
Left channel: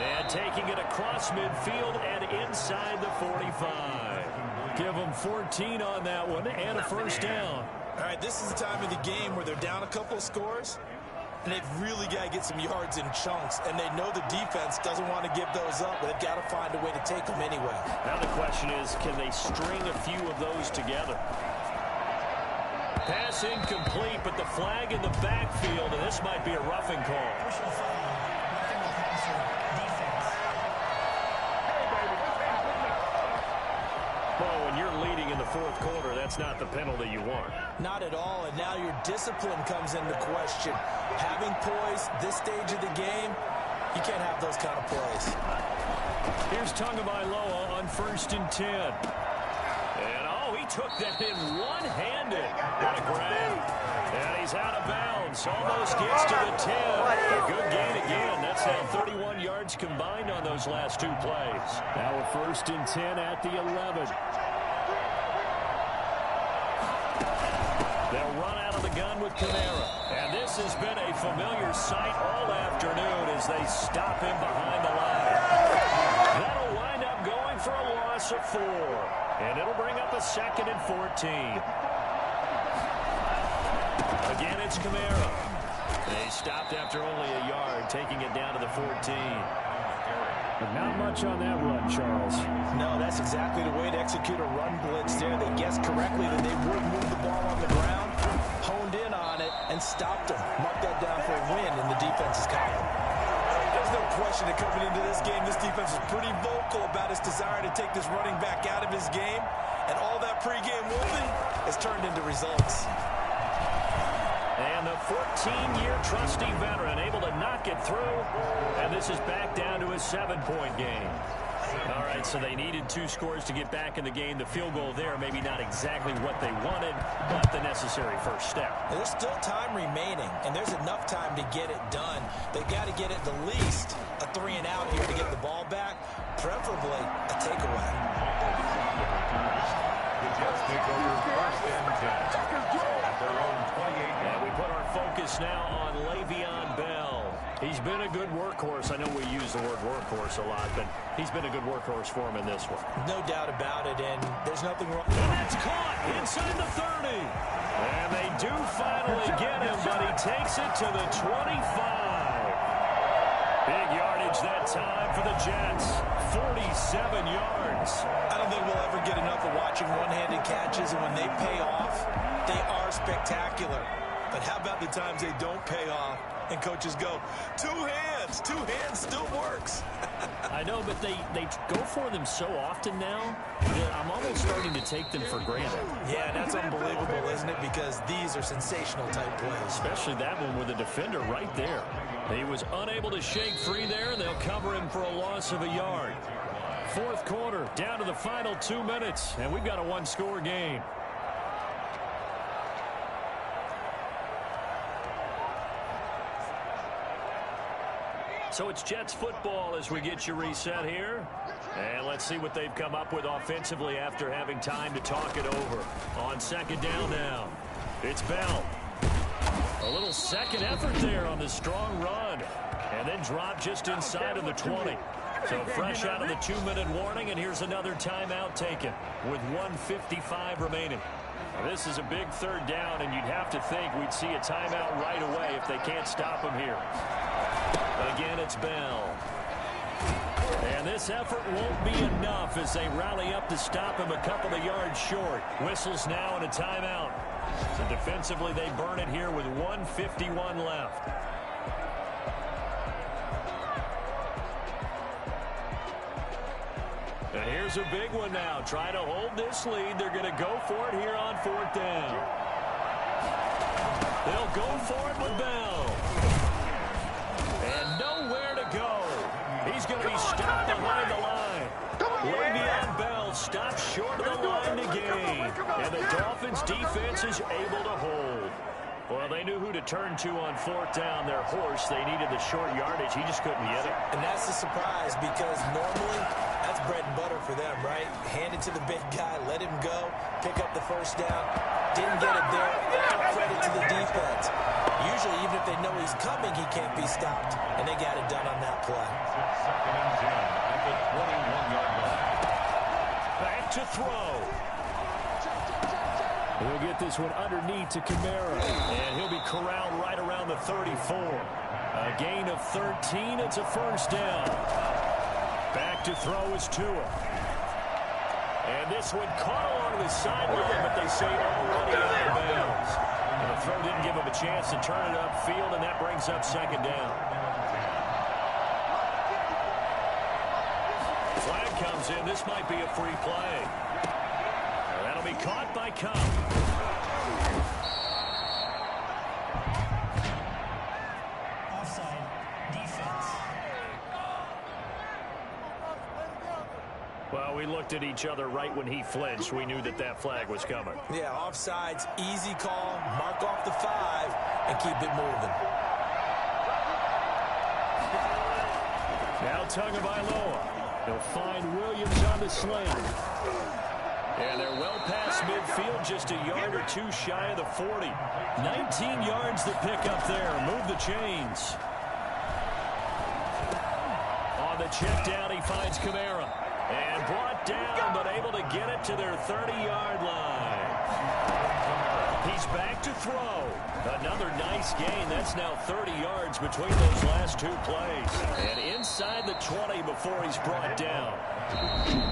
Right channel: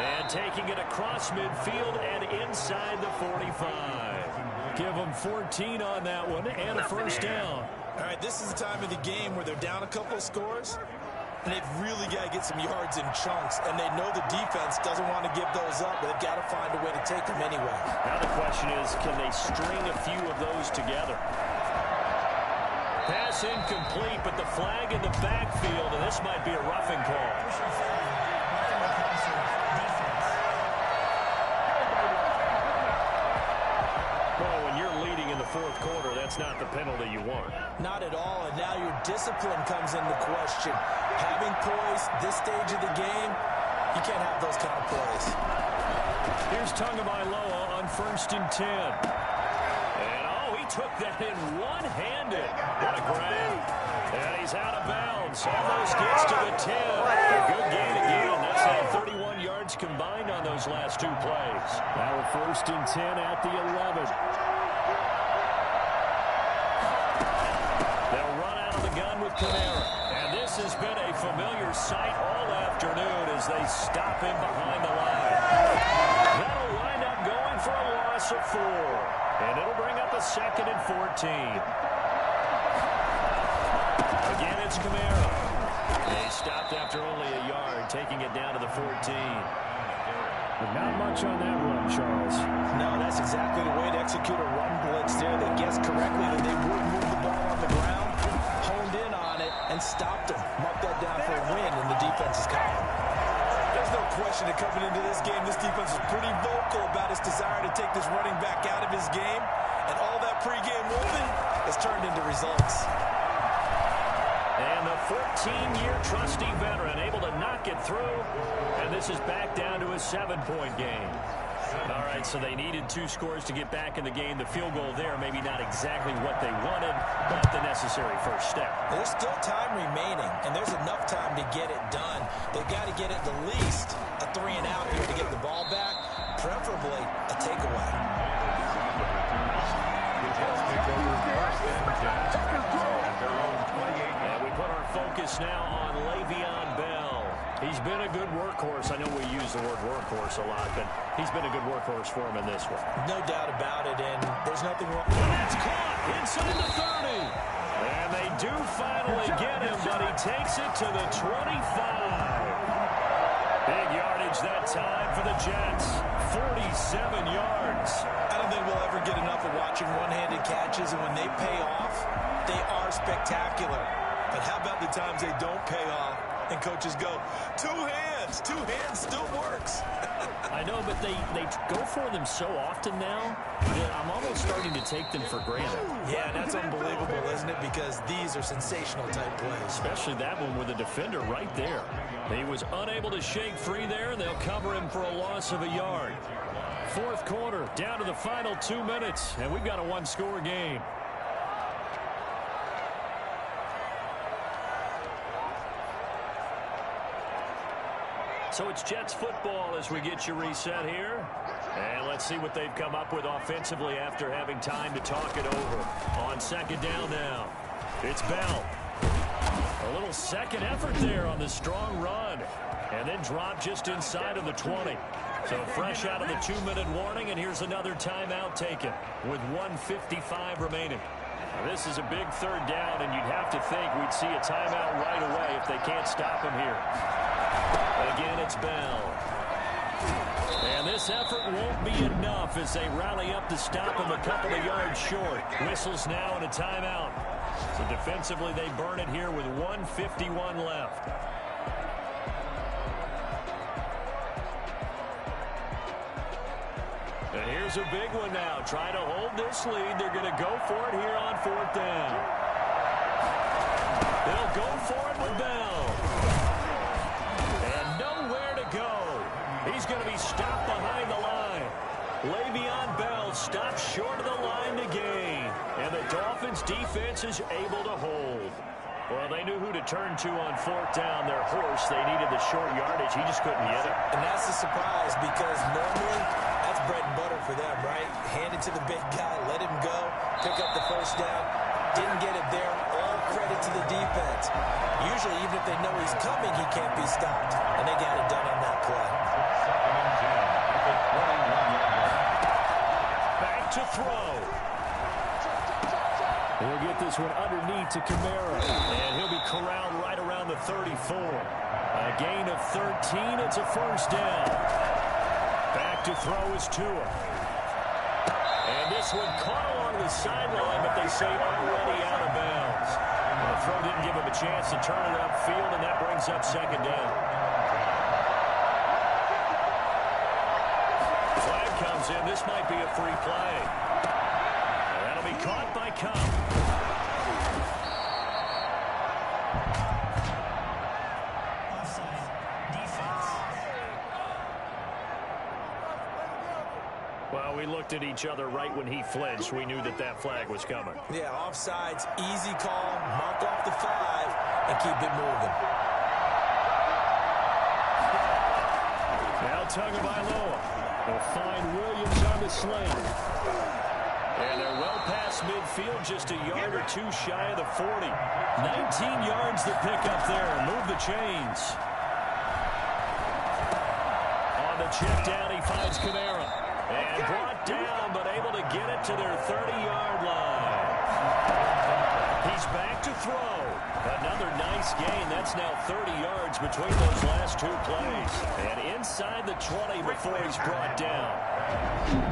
And taking it across midfield and inside the 45. Give them 14 on that one and a 1st down. All right, this is the time of the game where they're down a couple of scores, and they've really got to get some yards in chunks, and they know the defense doesn't want to give those up, but they've got to find a way to take them anyway. Now the question is, can they string a few of those together? Pass incomplete, but the flag in the backfield, and this might be a roughing call. Well, when you're leading in the 4th quarter, that's not the penalty you want. Not at all, and now your discipline comes into question. Having poise this stage of the game, you can't have those kind of plays. Here's Tagovailoa on 1st and 10. And, oh, he took that in one-handed. What a grab. And he's out of bounds. Almost gets to the 10. A good gain again. That's now 31 yards combined on those last 2 plays. Now a 1st and 10 at the 11. They'll run out of the gun with Kamara. And this has been a familiar sight all afternoon as they stop him behind the line. That'll wind up going for a loss of 4. And it'll bring up a 2nd and 14. Again, it's Kamara. They stopped after only a yard, taking it down to the 14. But not much on that run, Charles. No, that's exactly the way to execute a run blitz there. They guessed correctly that they would move the ball on the ground, honed in on it, and stopped them. Mark that down for a win in the defense's column. There's no question that coming into this game, this defense was pretty vocal about its desire to take this running back out of his game, and all that pregame whooping has turned into results. And the 14-year trusty veteran able to knock it through. And this is back down to a 7-point game. All right, so they needed 2 scores to get back in the game. The field goal there, maybe not exactly what they wanted, but the necessary first step. There's still time remaining, and there's enough time to get it done. They've got to get at the least a 3-and-out here to get the ball back, preferably a takeaway. The Jets take over 1st and 10 at their own 28. And we put our focus now on Le'Veon Bell. He's been a good workhorse. I know we use the word workhorse a lot, but he's been a good workhorse for him in this one. No doubt about it, and there's nothing wrong. And that's caught inside the 30. And they do finally get him, but he takes it to the 25. Big yardage that time for the Jets. 47 yards. I don't think we'll ever get enough of watching one-handed catches, and when they pay off, they are spectacular. But how about the times they don't pay off? And coaches go, two hands still works. I know, but they go for them so often now that I'm almost starting to take them for granted. Yeah, and that's unbelievable, isn't it? Because these are sensational type plays. Especially that one with the defender right there. He was unable to shake free there, and they'll cover him for a loss of a yard. Fourth quarter, down to the final 2 minutes, and we've got a one-score game. So it's Jets football as we get you reset here. And let's see what they've come up with offensively after having time to talk it over. On second down now, it's Bell. A little second effort there on the strong run. And then drop just inside of the 20. So fresh out of the 2-minute warning, and here's another timeout taken with 1:55 remaining. Now, this is a big third down, and you'd have to think we'd see a timeout right away if they can't stop him here. Again, it's Bell. And this effort won't be enough as they rally up to stop him a couple of yards short. Whistles now and a timeout. So defensively, they burn it here with 1:51 left. And here's a big one now. Trying to hold this lead. They're going to go for it here on fourth down. They'll go for it with Bell. And nowhere to go. He's going to be stopped behind the line. Le'Veon Bell stopped short of the line to gain. And the Dolphins defense is able to hold. Well, they knew who to turn to on fourth down. Their horse, they needed the short yardage. He just couldn't get it. And that's the surprise because normally that's bread and butter for them, right? Hand it to the big guy, let him go, pick up the first down. Didn't get it there. All credit to the defense. Usually, even if they know he's coming, he can't be stopped. And they got it done on that play. Second and 10 at the 21-yard line. Back to throw. He'll get this one underneath to Kamara. And he'll be corralled right around the 34. A gain of 13. It's a first down. Back to throw is Tua. And this one caught along the sideline, but they say already out of bounds. And the throw didn't give him a chance to turn it upfield, and that brings up second down. Flag comes in. This might be a free play. And that'll be caught by Cup. Offside. Defense. Well, we looked at each other right when he flinched. We knew that that flag was coming. Yeah, offsides, easy call, mark off the 5, and keep it moving. Now Tagovailoa. They'll find Williams on the sling. And they're well past midfield, just a yard or two shy of the 40. 19 yards to pick up there. Move the chains. On the check down, he finds Kamara. And brought down, but able to get it to their 30-yard line. He's back to throw. Another nice gain. That's now 30 yards between those last two plays. And inside the 20 before he's brought down.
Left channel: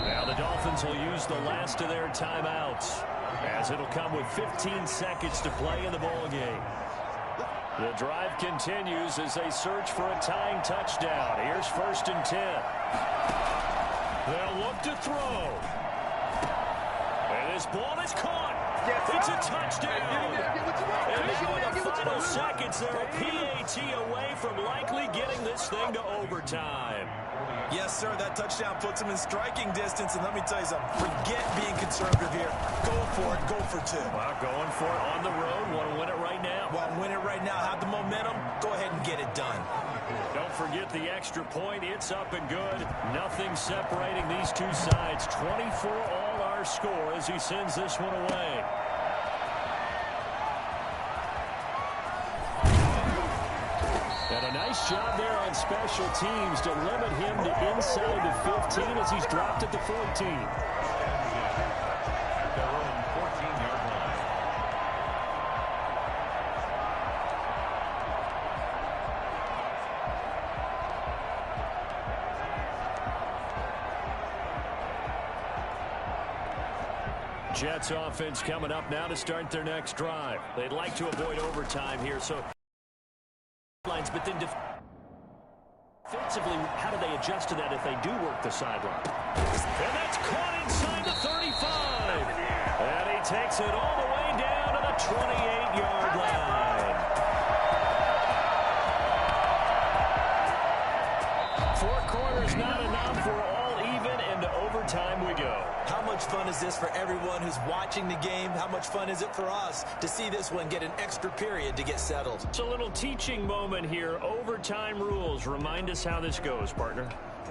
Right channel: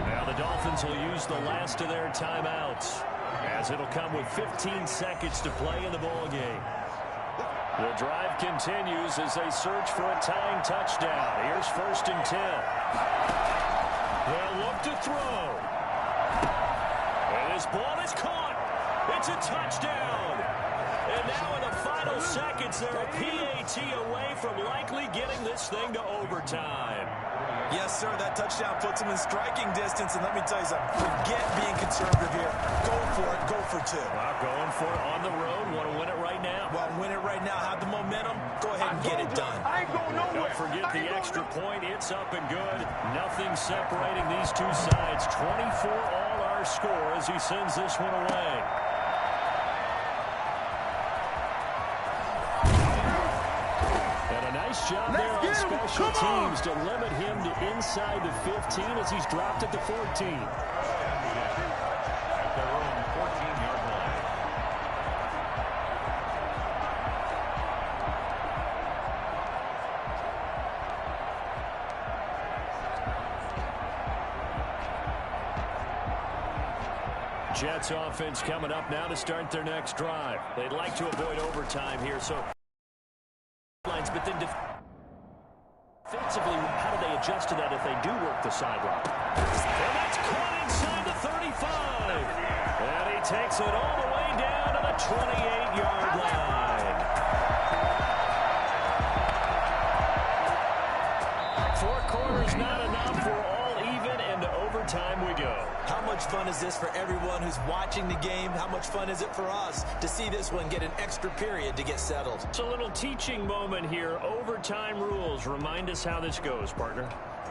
Now the Dolphins will use the last of their timeouts, as it'll come with 15 seconds to play in the ballgame. The drive continues as they search for a tying touchdown. Here's first and 10. They'll look to throw. And this ball is caught. It's a touchdown. And now in the final seconds, they're a PAT away from likely getting this thing to overtime. Yes, sir, that touchdown puts them in striking distance. And let me tell you something, forget being conservative here. Go for it, go for 2. Well, going for it on the road. Want to win it right now. Well, win it right now, have the momentum. Go ahead and get it done. Don't forget the extra point. It's up and good. Nothing separating these two sides. 24 all our score as he sends this one away. And a nice job there on special teams to limit him to inside the 15 as he's dropped at the 14. At their own 14-yard line. Jets offense coming up now to start their next drive. They'd like to avoid overtime here, so lines, but then defensively, how do they adjust to that if they do work the sideline? And that's caught inside the 35. And he takes it all the way down to the 28-yard line. 4 quarters not enough. We're all even, and to overtime we go. How much fun is this for everyone who's watching the game? How much fun is it for us to see this one get an extra period to get settled? It's a little teaching moment here. Overtime rules. Remind us how this goes, partner.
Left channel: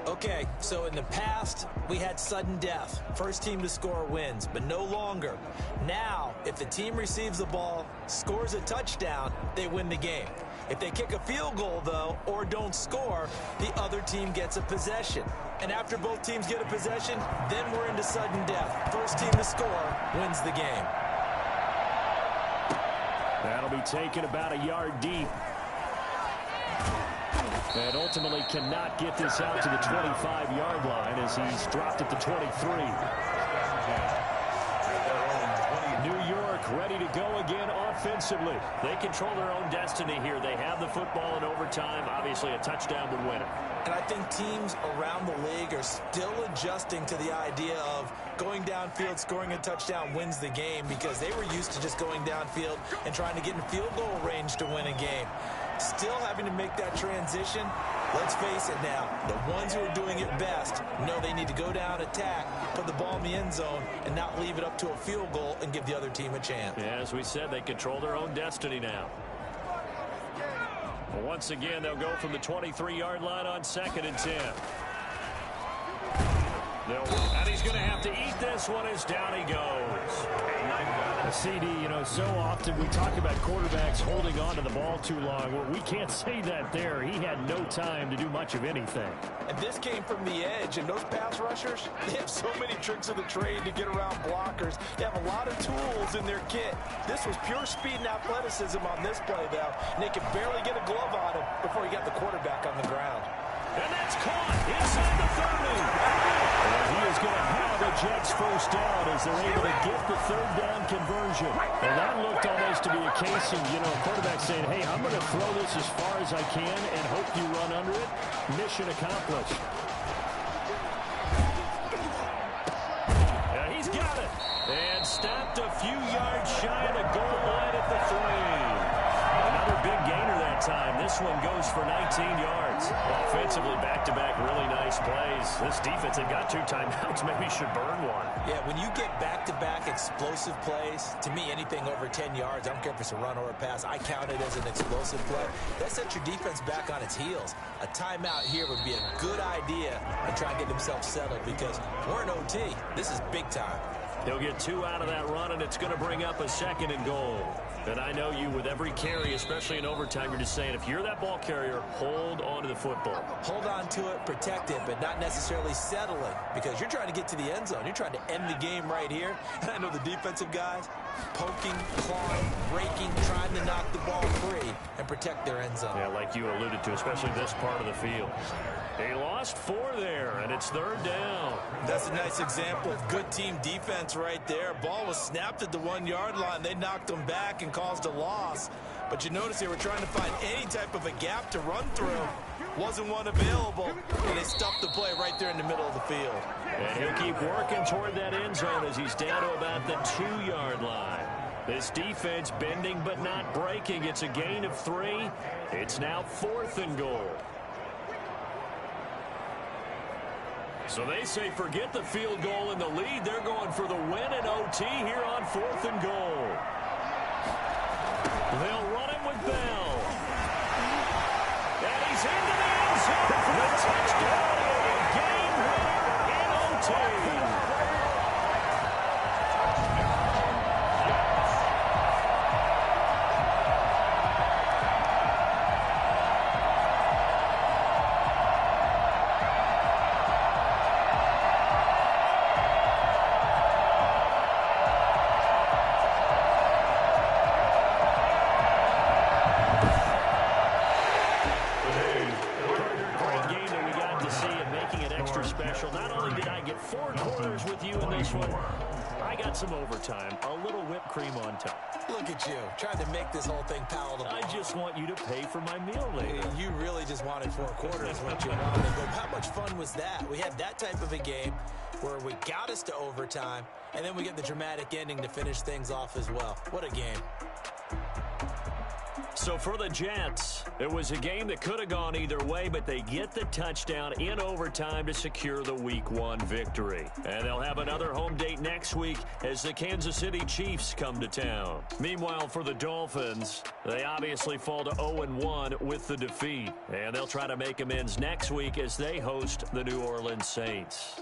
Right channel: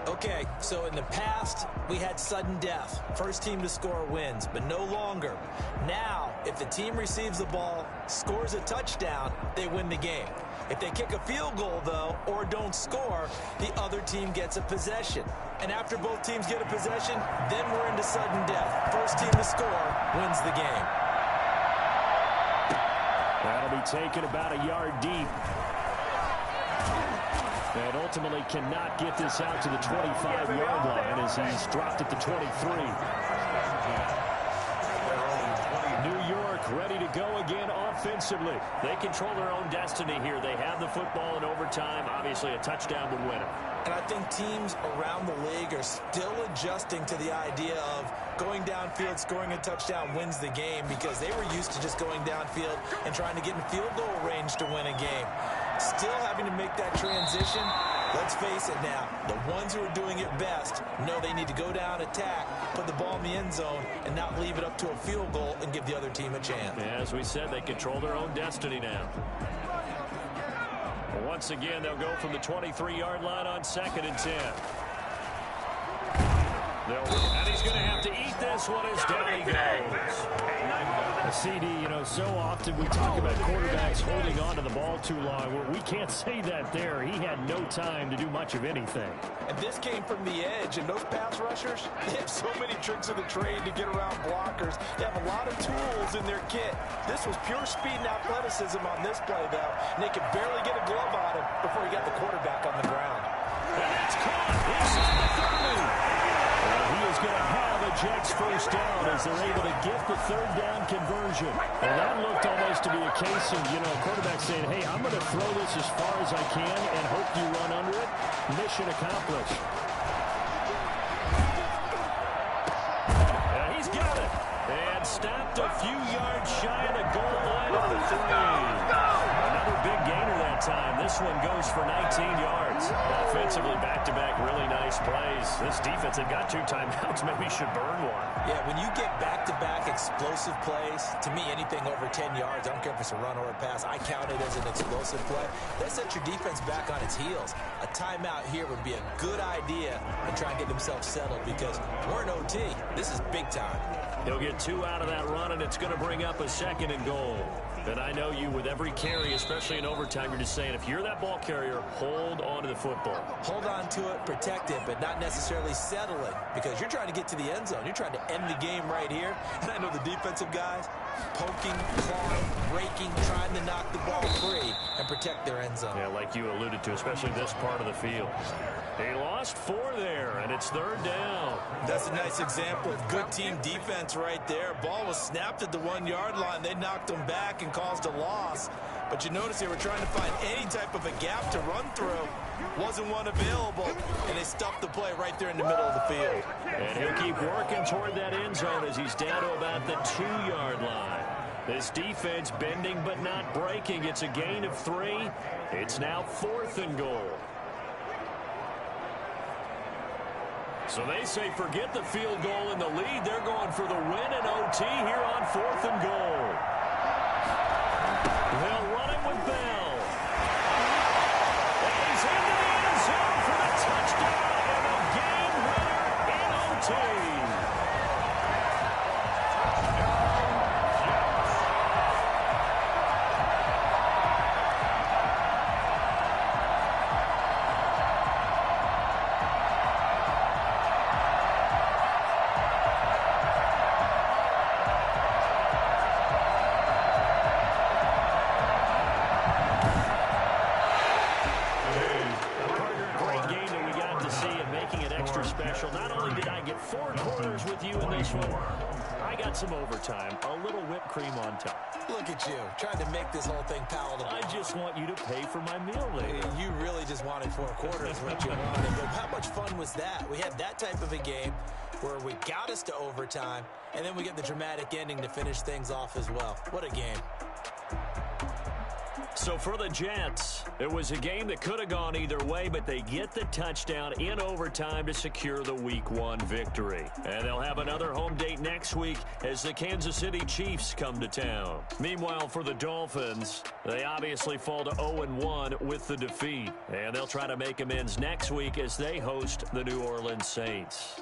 Okay, so in the past, we had sudden death. First team to score wins, but no longer. Now, if the team receives the ball, scores a touchdown, they win the game. If they kick a field goal, though, or don't score, the other team gets a possession. And after both teams get a possession, then we're into sudden death. First team to score wins the game. That'll be taken about a yard deep. And ultimately cannot get this out to the 25-yard line as he's dropped at the 23. New York ready to go again offensively. They control their own destiny here. They have the football in overtime. Obviously, a touchdown would win it. And I think teams around the league are still adjusting to the idea of going downfield, scoring a touchdown wins the game, because they were used to just going downfield and trying to get in field goal range to win a game. Still having to make that transition. Let's face it now, the ones who are doing it best know they need to go down, attack, put the ball in the end zone, and not leave it up to a field goal and give the other team a chance. Yeah, as we said, they control their own destiny now. Well, once again, they'll go from the 23-yard line on 2nd and 10. And he's going to have to eat this one as down he goes. CD, so often we talk about quarterbacks holding on to the ball too long. Well, we can't say that there. He had no time to do much of anything. And this came from the edge, and those pass rushers, they have so many tricks of the trade to get around blockers. They have a lot of tools in their kit. This was pure speed and athleticism on this play, though, and they could barely get a glove on him before he got the quarterback on the ground. And that's caught inside the 30. He is going to have a Jets first down as they're able to get the 3rd down conversion. And that looked almost to be a case of, quarterback saying, hey, I'm going to throw this as far as I can and hope you run under it. Mission accomplished. And he's got it. And stopped a few yards shy of the goal line at the 3. Another big gainer that time. This one goes for 19 yards. Offensively, back-to-back, really nice plays. This defense, they got 2 timeouts, maybe should burn one. Yeah, when you get back-to-back explosive plays, to me, anything over 10 yards, I don't care if it's a run or a pass, I count it as an explosive play. That sets your defense back on its heels. A timeout here would be a good idea and try and get themselves settled, because we're in OT. This is big time. He'll get 2 out of that run, and it's going to bring up a 2nd and goal. And I know you, with every carry, especially in overtime, you're just saying, if you're that ball carrier, hold on to the football. Hold on to it, protect it, but not necessarily settling, because you're trying to get to the end zone. You're trying to end the game right here. And I know the defensive guys poking, clawing, raking, trying to knock the ball free and protect their end zone. Yeah, like you alluded to, especially this part of the field. They lost 4 there, and it's 3rd down. That's a nice example of good team defense right there. Ball was snapped at the 1-yard line. They knocked them back and caused a loss. But you notice they were trying to find any type of a gap to run through. Wasn't one available, and they stuffed the play right there in the middle of the field. And he'll keep working toward that end zone as he's down to about the 2-yard line. This defense bending but not breaking. It's a gain of 3. It's now 4th and goal. So they say forget the field goal and the lead. They're going for the win in OT here on 4th and goal. They'll run it with Bell. And he's into the end zone for the touchdown and a game winner in OT. got some overtime, a little whipped cream on top. Look at you, trying to make this whole thing palatable. I just want you to pay for my meal later. You really just wanted 4 quarters what you wanted. But how much fun was that? We had that type of a game where we got us to overtime, and then we get the dramatic ending to finish things off as well. What a game. So for the Jets, it was a game that could have gone either way, but they get the touchdown in overtime to secure the Week 1 victory. And they'll have another home date next week as the Kansas City Chiefs come to town. Meanwhile, for the Dolphins, they obviously fall to 0-1 with the defeat. And they'll try to make amends next week as they host the New Orleans Saints.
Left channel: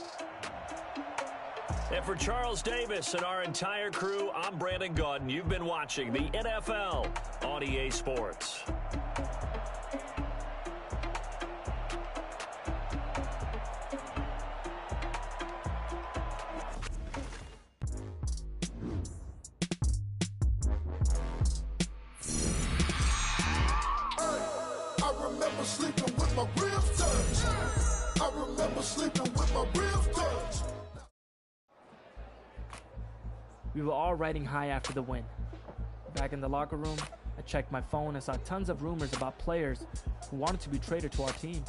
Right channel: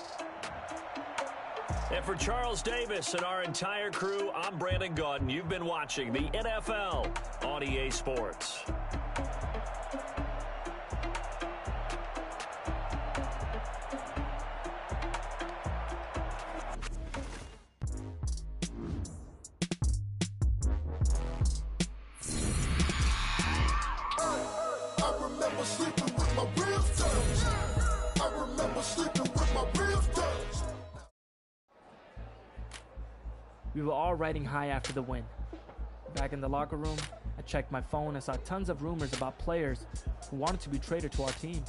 And for Charles Davis and our entire crew, I'm Brandon Gaudin. You've been watching the NFL on EA Sports. I remember sleeping with my ribs touched. I remember sleeping with my ribs touched. We were all riding high after the win. Back in the locker room, I checked my phone and saw tons of rumors about players who wanted to be traded to our team.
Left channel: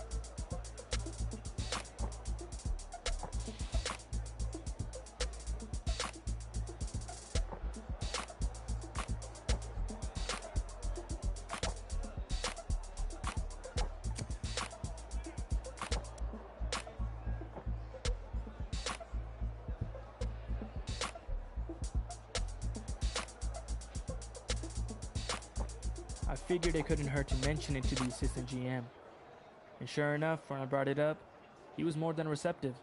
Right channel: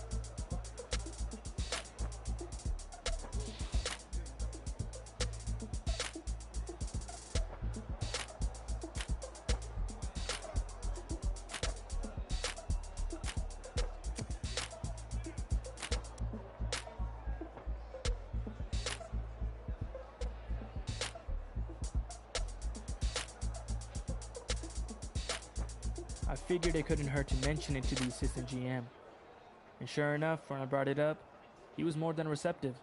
I figured it couldn't hurt to mention it to the assistant GM. And sure enough, when I brought it up, he was more than receptive.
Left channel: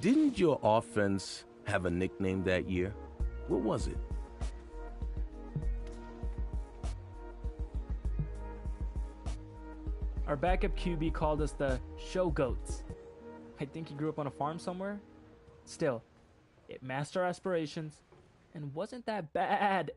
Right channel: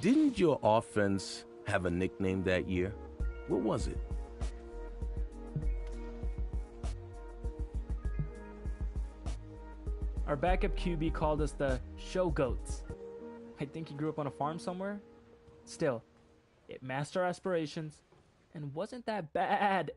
Didn't your offense have a nickname that year? What was it? Our backup QB called us the show goats. I think he grew up on a farm somewhere. Still, it matched our aspirations and wasn't that bad.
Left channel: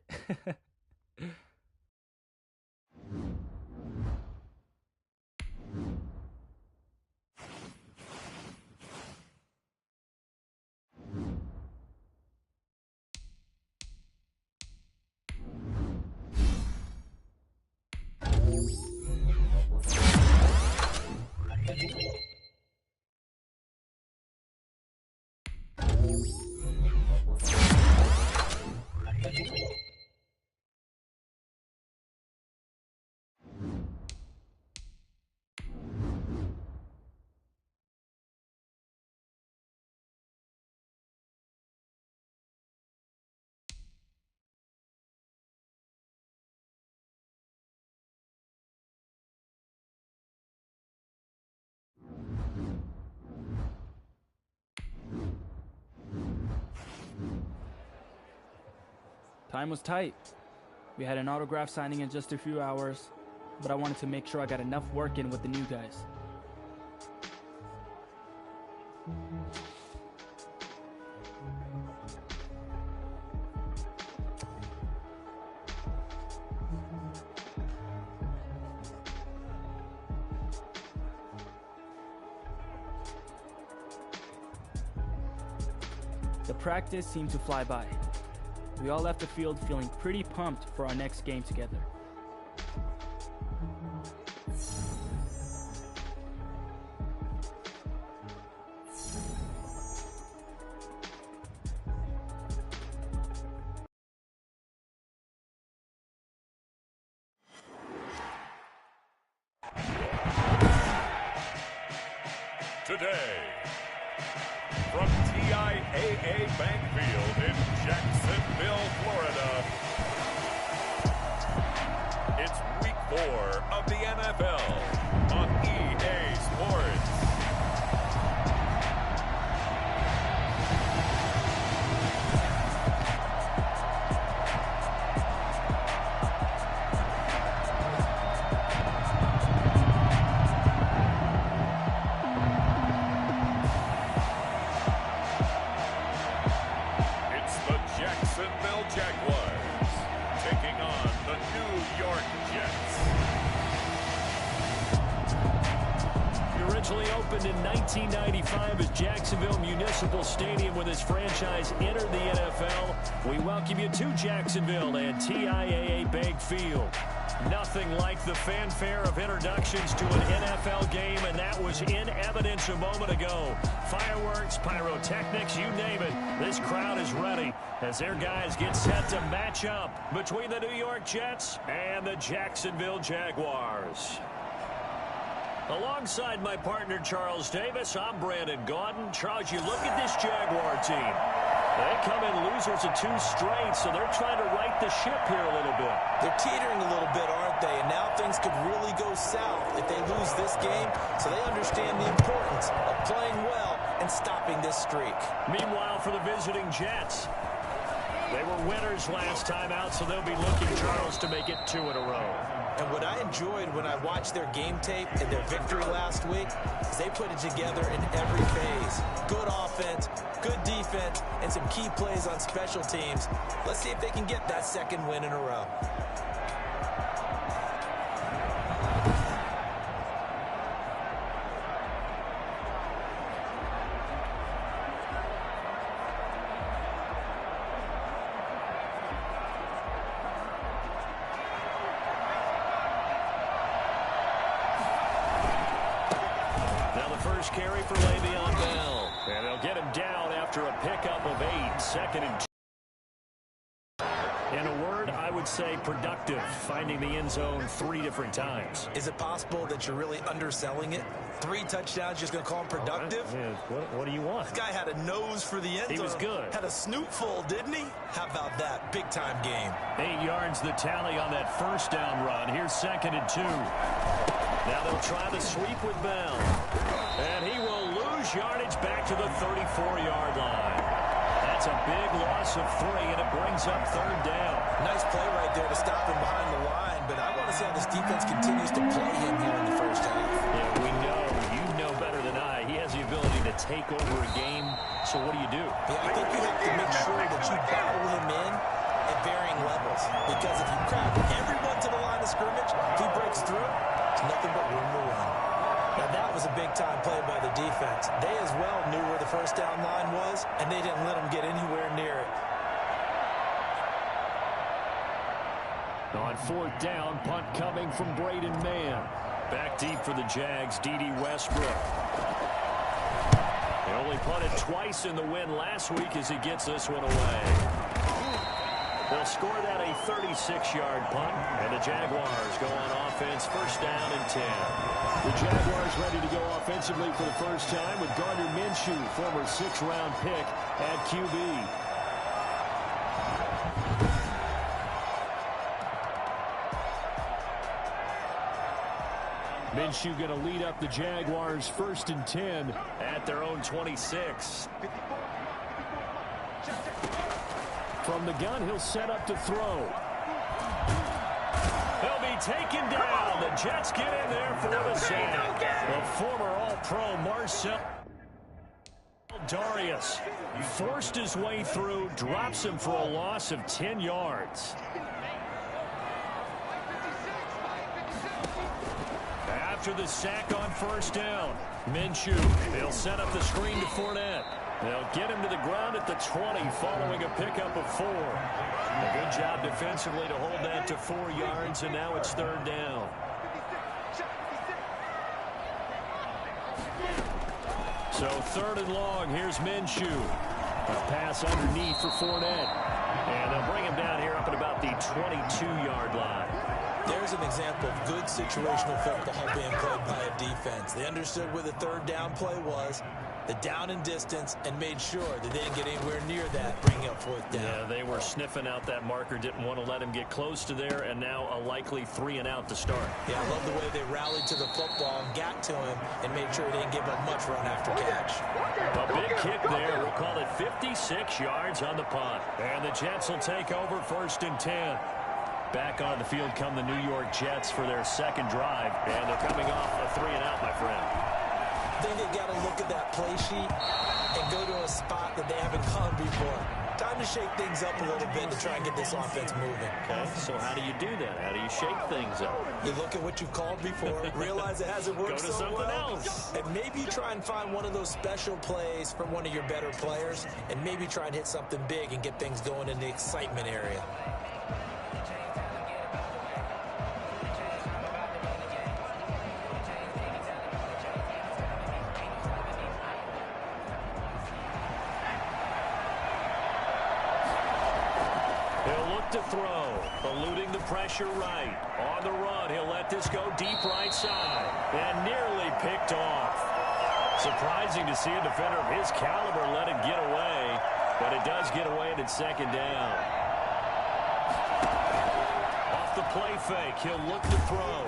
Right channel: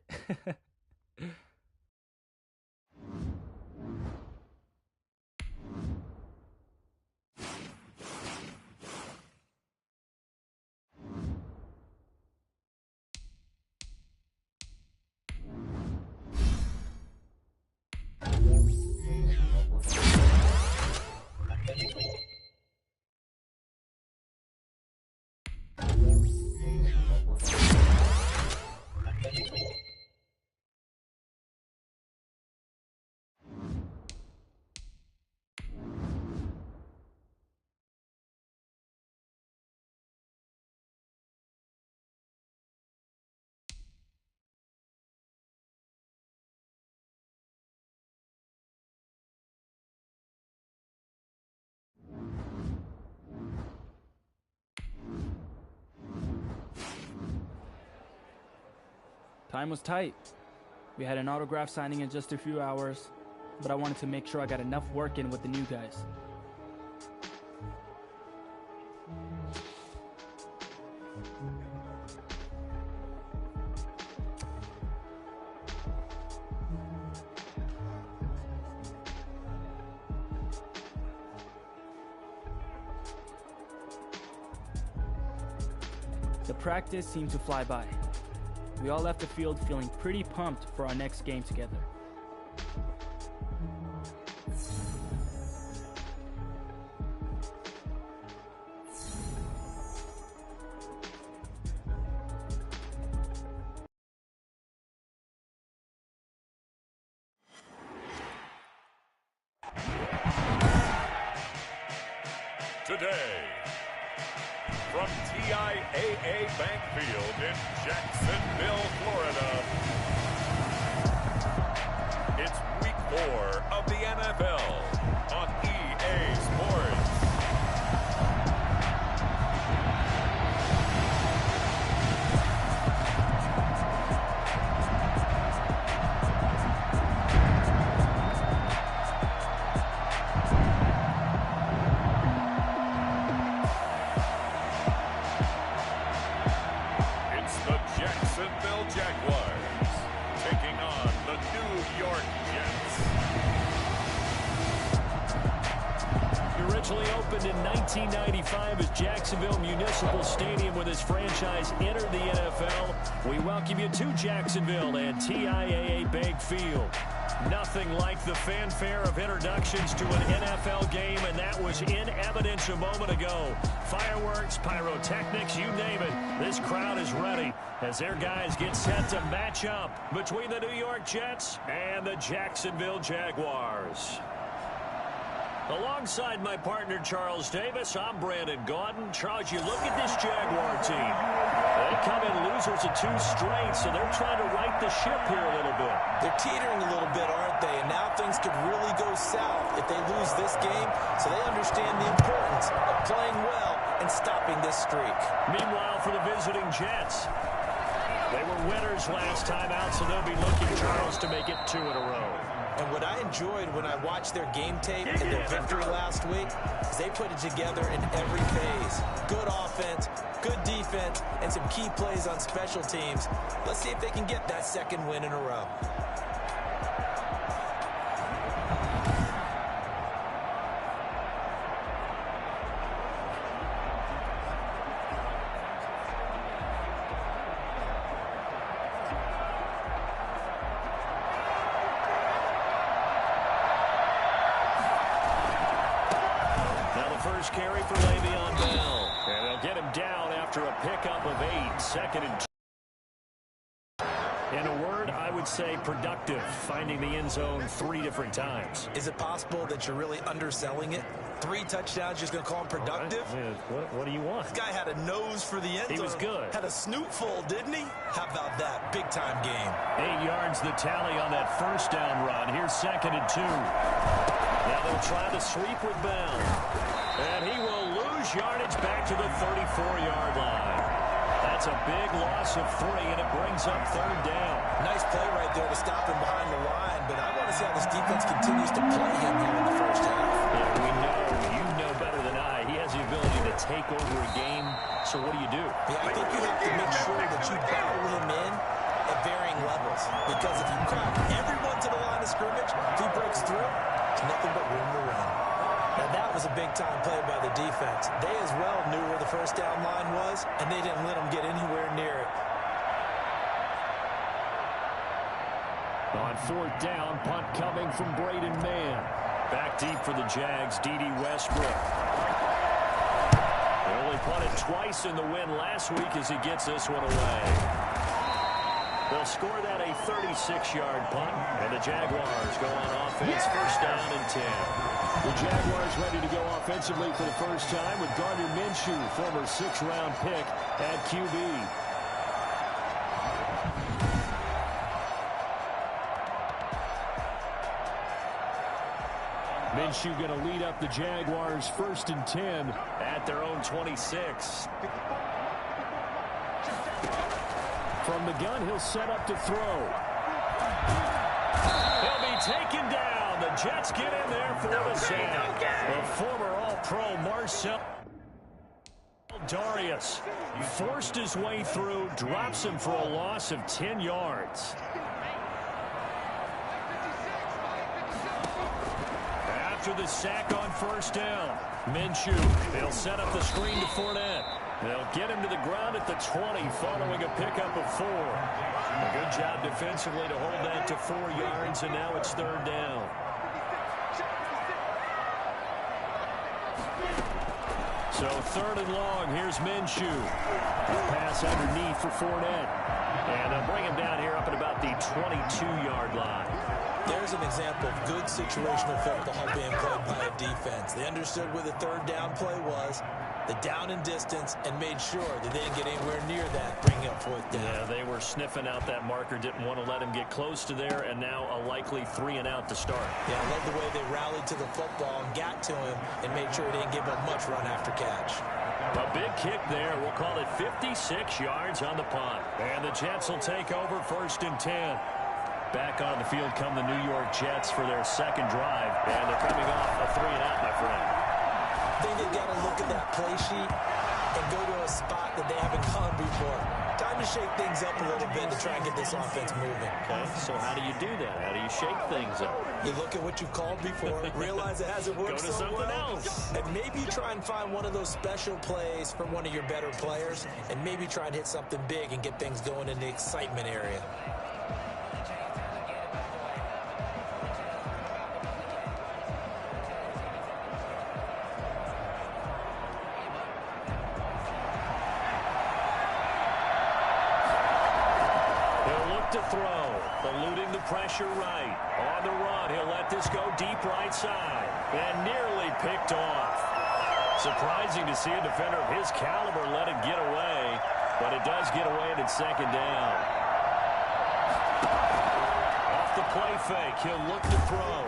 Time was tight. We had an autograph signing in just a few hours, but I wanted to make sure I got enough work in with the new guys. The practice seemed to fly by. We all left the field feeling pretty pumped for our next game together. Today, from TIAA Bank Field in Jacksonville, Florida, it's Week 4 of the NFL on EA Sports. Jacksonville Jaguars taking on the New York Jets. It originally opened in 1995 as Jacksonville Municipal Stadium when this franchise entered the NFL. We welcome you to Jacksonville and TIAA Bank Field. Nothing like the fanfare of introductions to an NFL game, and that was in evidence a moment ago. Fireworks, pyrotechnics, you name it. This crowd is ready as their guys get set to match up between the New York Jets and the Jacksonville Jaguars. Alongside my partner, Charles Davis, I'm Brandon Gaudin. Charles, you look at this Jaguar team. They come in losers of 2 straight, so they're trying to right the ship here a little bit. They're teetering a little bit, aren't they? And now things could really go south if they lose this game, so they understand the importance of playing well and stopping this streak. Meanwhile, for the visiting Jets, they were winners last time out, so they'll be looking, Charles, to make it 2 in a row. And what I enjoyed when I watched their game tape and their victory last week is they put it together in every phase. Good offense, good defense, and some key plays on special teams. Let's see if they can get that 2nd win in a row. First carry for Le'Veon Bell. And they'll get him down after a pickup of 8. 2nd and 2. In a word, I would say productive, finding the end zone 3 different times. Is it possible that you're really underselling it? 3 touchdowns, just going to call him productive? Right. Yeah, what do you want? This guy had a nose for the end zone. He was good. Had a snootful, didn't he? How about that? Big-time game. 8 yards the tally on that first down run. Here's 2nd and 2. Now they'll try the sweep with Bell. And he will lose yardage back to the 34-yard line. That's a big loss of 3, and it brings up 3rd down. Nice play right there to stop him behind the line, but I want to see how this defense continues to play him here in the first half. Yeah, we know. You know better than I. He has the ability to take over a game, so what do you do? Yeah, I think you have to make sure that you battle him in at varying levels, because if you crowd everyone to the line of scrimmage, if he breaks through, there's nothing but room to run. Now, that was a big-time play by the defense. They as well knew where the first down line was, and they didn't let them get anywhere near it. On 4th down, punt coming from Braden Mann. Back deep for the Jags, D.D. Westbrook. They only punted twice in the win last week as he gets this one away. They'll score that a 36-yard punt, and the Jaguars go on offense, 1st down and 10. The Jaguars ready to go offensively for the first time with Gardner Minshew, former 6th-round pick at QB. Minshew going to lead up the Jaguars 1st and 10 at their own 26. From the gun, he'll set up to throw. He'll be taken down. The Jets get in there for the sack. The former All-Pro Marcel Darius forced his way through, drops him for a loss of 10 yards. After the sack on 1st down, Minshew, he'll set up the screen to Fournette. They'll get him to the ground at the 20 following a pickup of 4. A good job defensively to hold that to 4 yards, and now it's 3rd down. So 3rd and long, here's Minshew. A pass underneath for Fournette. And they'll bring him down here up at about the 22-yard line. There's an example of good situational football being played by a defense. They understood where the 3rd down play was, the down and distance, and made sure that they didn't get anywhere near that, bringing up 4th down. Yeah, they were sniffing out that marker, didn't want to let him get close to there, and now a likely 3 and out to start. Yeah, I love the way they rallied to the football and got to him and made sure he didn't give up much run after catch. A big kick there. We'll call it 56 yards on the punt. And the Jets will take over 1st and 10. Back on the field come the New York Jets for their 2nd drive. And they're coming off a 3 and out, my friend. I think they got to look at that play sheet and go to a spot that they haven't gone before. time to shake things up a little bit to try and get this offense moving. Okay, so how do you do that? How do you shake things up? You look at what you called before, realize it hasn't worked Go to so something well, else. and maybe try and find one of those special plays from one of your better players, and maybe try and hit something big and get things going in the excitement area. He'll look to throw, eluding the pressure right. On the run, he'll let this go deep right side, and nearly picked off. Surprising to see a defender of his caliber let it get away, but it does get away and it's second down. Off the play fake, he'll look to throw.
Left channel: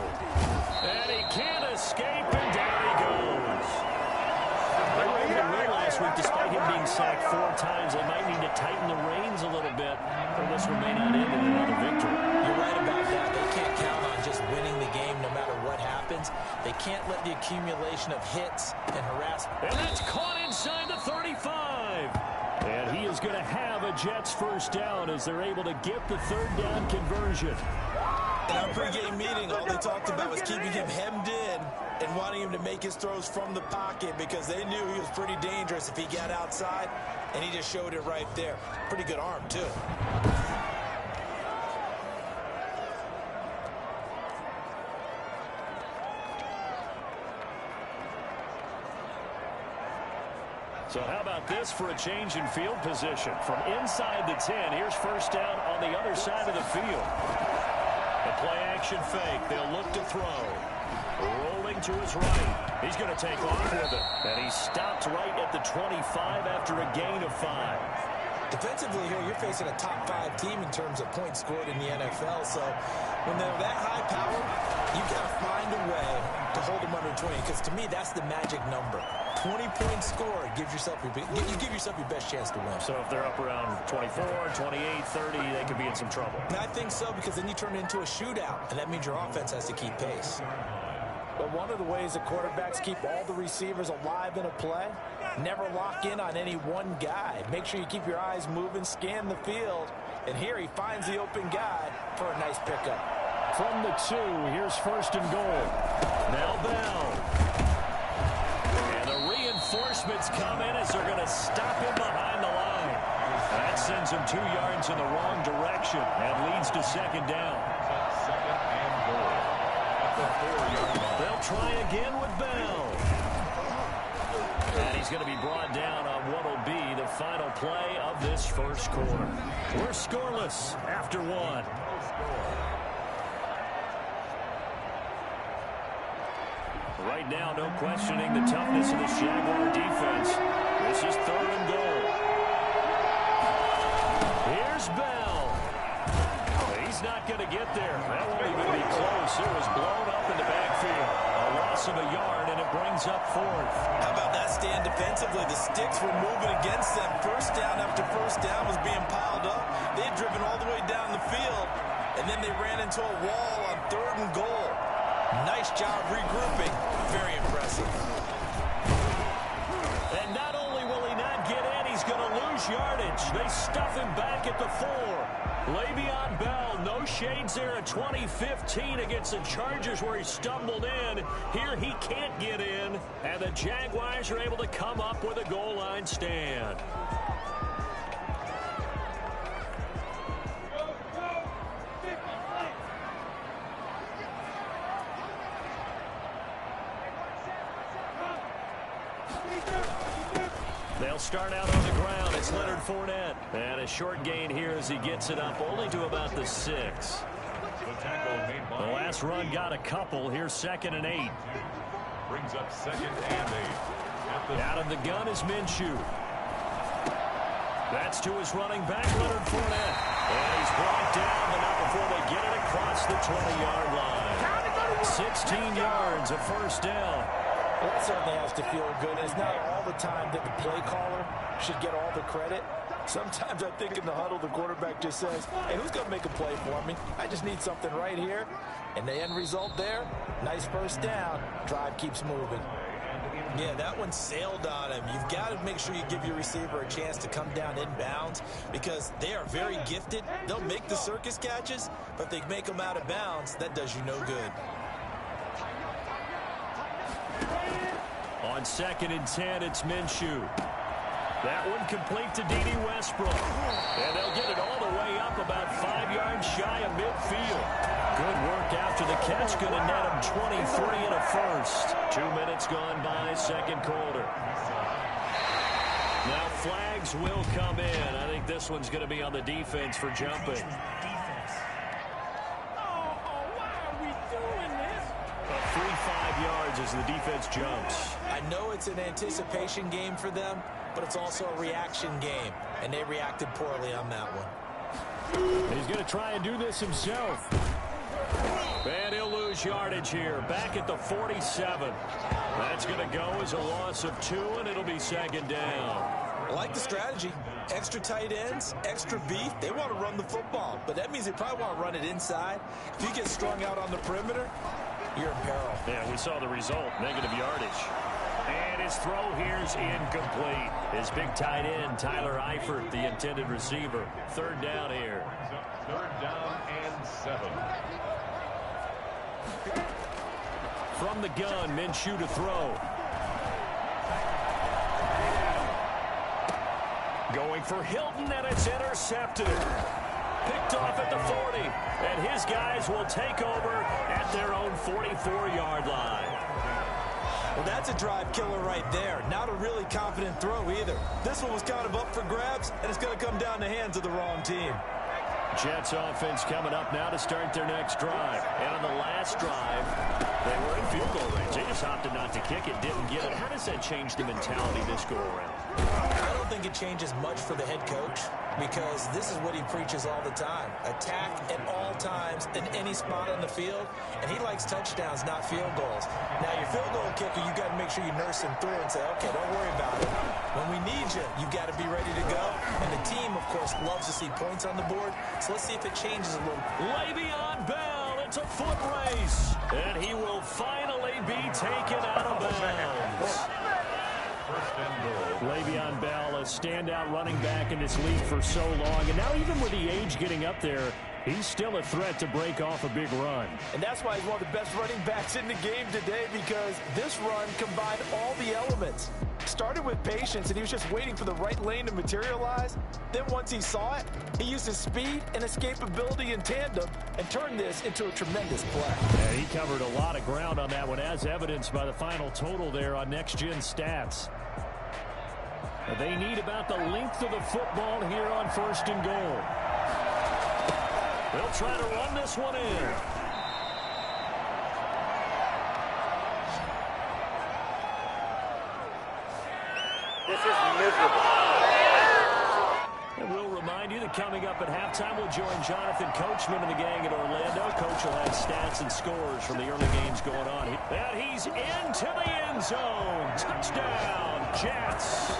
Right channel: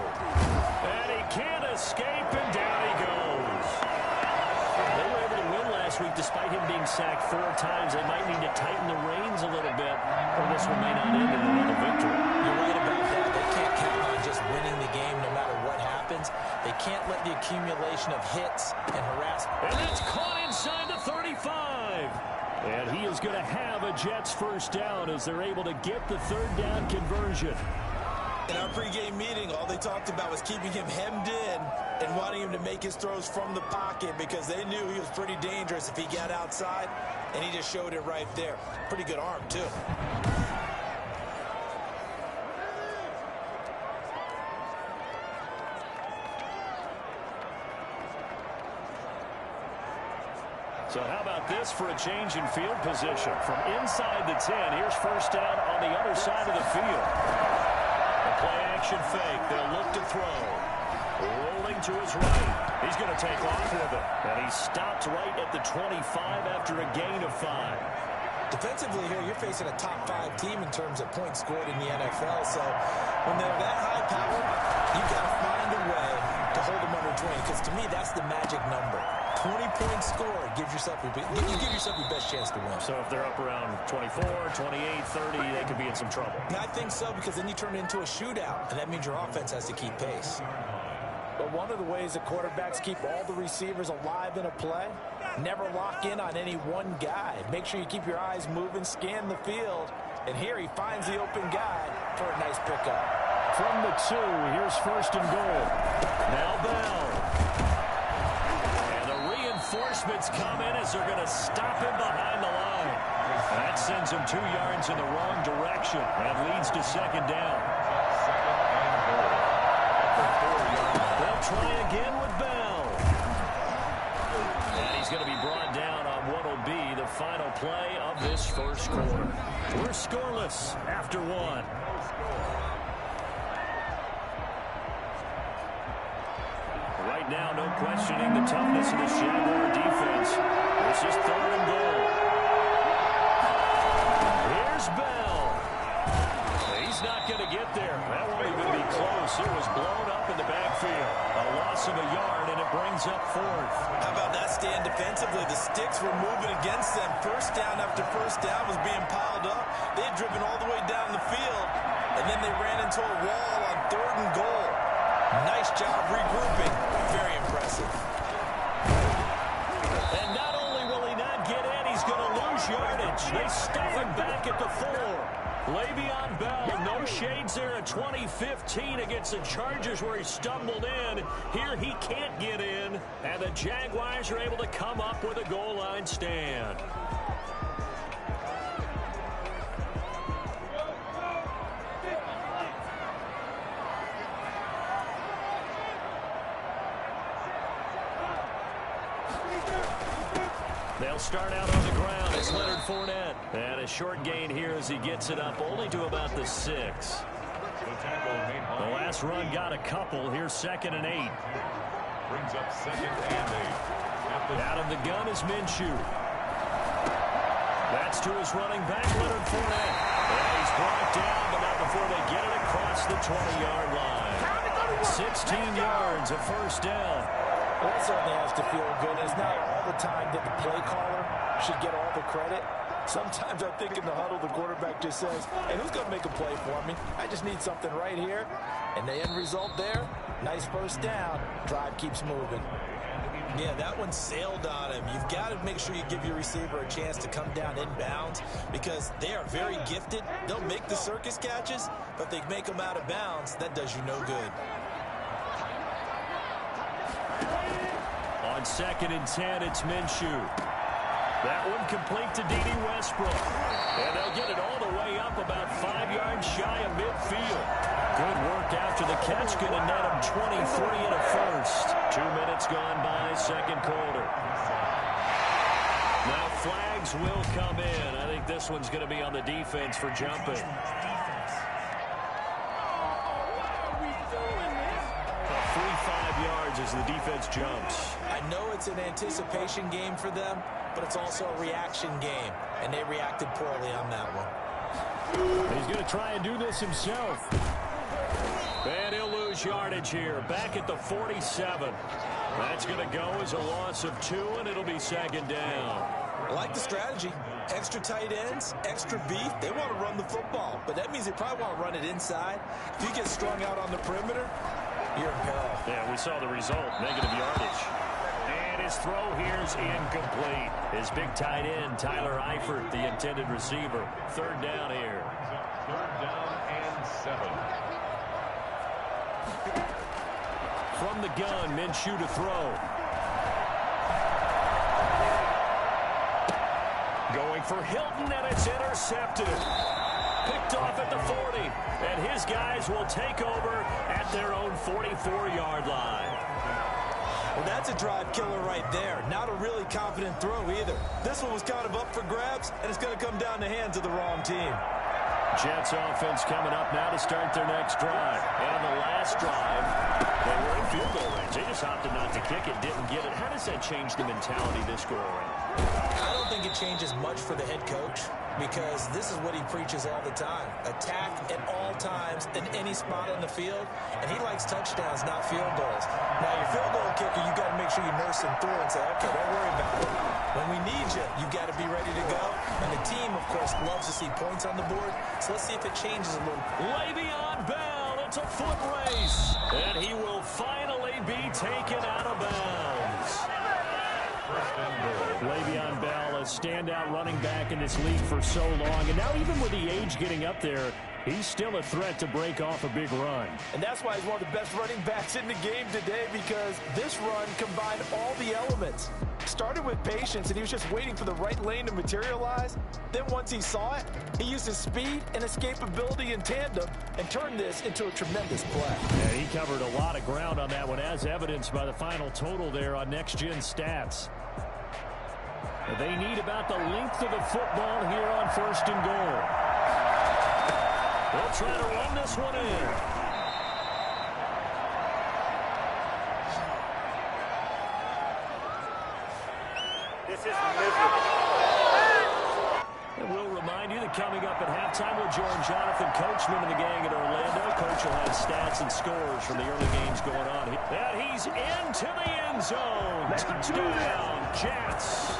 And he can't escape, and down he goes. They were able to win last week despite him being sacked 4 times. They might need to tighten the reins a little bit, or this one may not end in another victory. You're right about that. They can't count on just winning the game no matter what happens. They can't let the accumulation of hits and harassment. And that's caught inside the 35. And he is going to have a Jets first down as they're able to get the third down conversion. In our pregame meeting, all they talked about was keeping him hemmed in and wanting him to make his throws from the pocket because they knew he was pretty dangerous if he got outside, and he just showed it right there. Pretty good arm, too. So how about this for a change in field position? From inside the 10, here's first down on the other side of the field. The play action fake. They'll look to throw. Rolling to his right. He's going to take off with it. And he stopped right at the 25 after a gain of 5. Defensively here, you're facing a top 5 team in terms of points scored in the NFL. So when they're that high powered, you got to find a way to hold them under 20. Because to me, that's the magic number. 20 points scored gives yourself your best chance to win. So if they're up around 24, 28, 30, they could be in some trouble. And I think so, because then you turn it into a shootout, and that means your offense has to keep pace. But one of the ways that quarterbacks keep all the receivers alive in a play, never lock in on any one guy. Make sure you keep your eyes moving, scan the field, and here he finds the open guy for a nice pickup. From the 2, here's first and goal. Now Bell. And the reinforcements come in as they're going to stop him behind the line. That sends him 2 yards in the wrong direction and leads to second down. Second and goal at the 4-yard line. They'll try again with Bell. And he's going to be brought down on what will be the final play of this first quarter. We're scoreless after 1. Right now, no questioning the toughness of this Jaguar defense. This is third and goal. Here's Bell. He's not going to get there. That won't even be close. It was blown up in the backfield. A loss of a yard, and it brings up 4th. How about that stand defensively? The sticks were moving against them. First down after first down was being piled up. They had driven all the way down the field, and then they ran into a wall on third and goal. Nice job regrouping. Very impressive. And not only will he not get in, he's going to lose yardage. They stuff him back at the 4. Le'Veon Bell, no shades there in 2015 against the Chargers where he stumbled in. Here he can't get in, and the Jaguars are able to come up with a goal line stand. They'll start out on the ground. It's Leonard Fournette. And a short gain here as he gets it up only to about the 6. The last run got a couple. Here's second and 8. Brings up second and 8. Out of the gun is Minshew. That's to his running back, Leonard Fournette. And he's brought down, but not before they get it across the 20-yard line. 16 yards, a first down. Well, that certainly has to feel good. It's not all the time that the play caller should get all the credit. Sometimes I think in the huddle, the quarterback just says, hey, who's going to make a play for me? I just need something right here. And the end result there, nice first down. Drive keeps moving. Yeah, that one sailed on him. You've got to make sure you give your receiver a chance to come down inbounds because they are very gifted. They'll make the circus catches, but if they make them out of bounds, that does you no good. On 2nd and 10, it's Minshew. That one complete to D.D. Westbrook. And they'll get it all the way up about 5 yards shy of midfield. Good work after the catch. Going to net him 23 and a first. 2 minutes gone by, second quarter. Now flags will come in. I think this one's going to be on the defense for jumping. A free 5 yards as the defense jumps. I know it's an anticipation game for them, but it's also a reaction game, and they reacted poorly on that one. He's going to try and do this himself. And he'll lose yardage here, back at the 47. That's going to go as a loss of 2, and it'll be 2nd down. I like the strategy. Extra tight ends, extra beef. They want to run the football, but that means they probably want to run it inside. If you get strung out on the perimeter, you're in peril. Yeah, we saw the result, negative yardage. And his throw here's incomplete. His big tight end, Tyler Eifert, the intended receiver. 3rd down here. 3rd down and 7. From the gun, Minshew to throw. Going for Hilton, and it's intercepted. Picked off at the 40, and his guys will take over at their own 44-yard line. Well, that's a drive killer right there. Not a really confident throw either. This one was kind of up for grabs, and it's going to come down the hands of the wrong team. Jets offense coming up now to start their next drive. And on the last drive, they were in field goal range. They just opted not to kick it, didn't get it. How does that change the mentality this go around? I don't think it changes much for the head coach because this is what he preaches all the time. Attack at all times in any spot on the field, and he likes touchdowns, not field goals. Now, your field goal kicker, you've got to make sure you nurse him through and say, okay, don't worry about it. When we need you, you've got to be ready to go. And the team, of course, loves to see points on the board, so let's see if it changes a little. Le'Veon Bell, it's a foot race, and he will finally be taken out of bounds. Le'Veon Bell, a standout running back in this league for so long, and now even with the age getting up there, he's still a threat to break off a big run. And that's why he's one of the best running backs in the game today, because this run combined all the elements. Started with patience, and he was just waiting for the right lane to materialize. Then once he saw it, he used his speed and escapability in tandem and turned this into a tremendous play. And he covered a lot of ground on that one, as evidenced by the final total there on Next Gen Stats. They need about the length of the football here on 1st and goal. They'll try to run this one in. This is miserable. And we'll remind you that coming up at halftime, we'll join Jonathan Coachman and the gang in Orlando. Coach will have stats and scores from the early games going on. And he's into the end zone. Touchdown, Jets.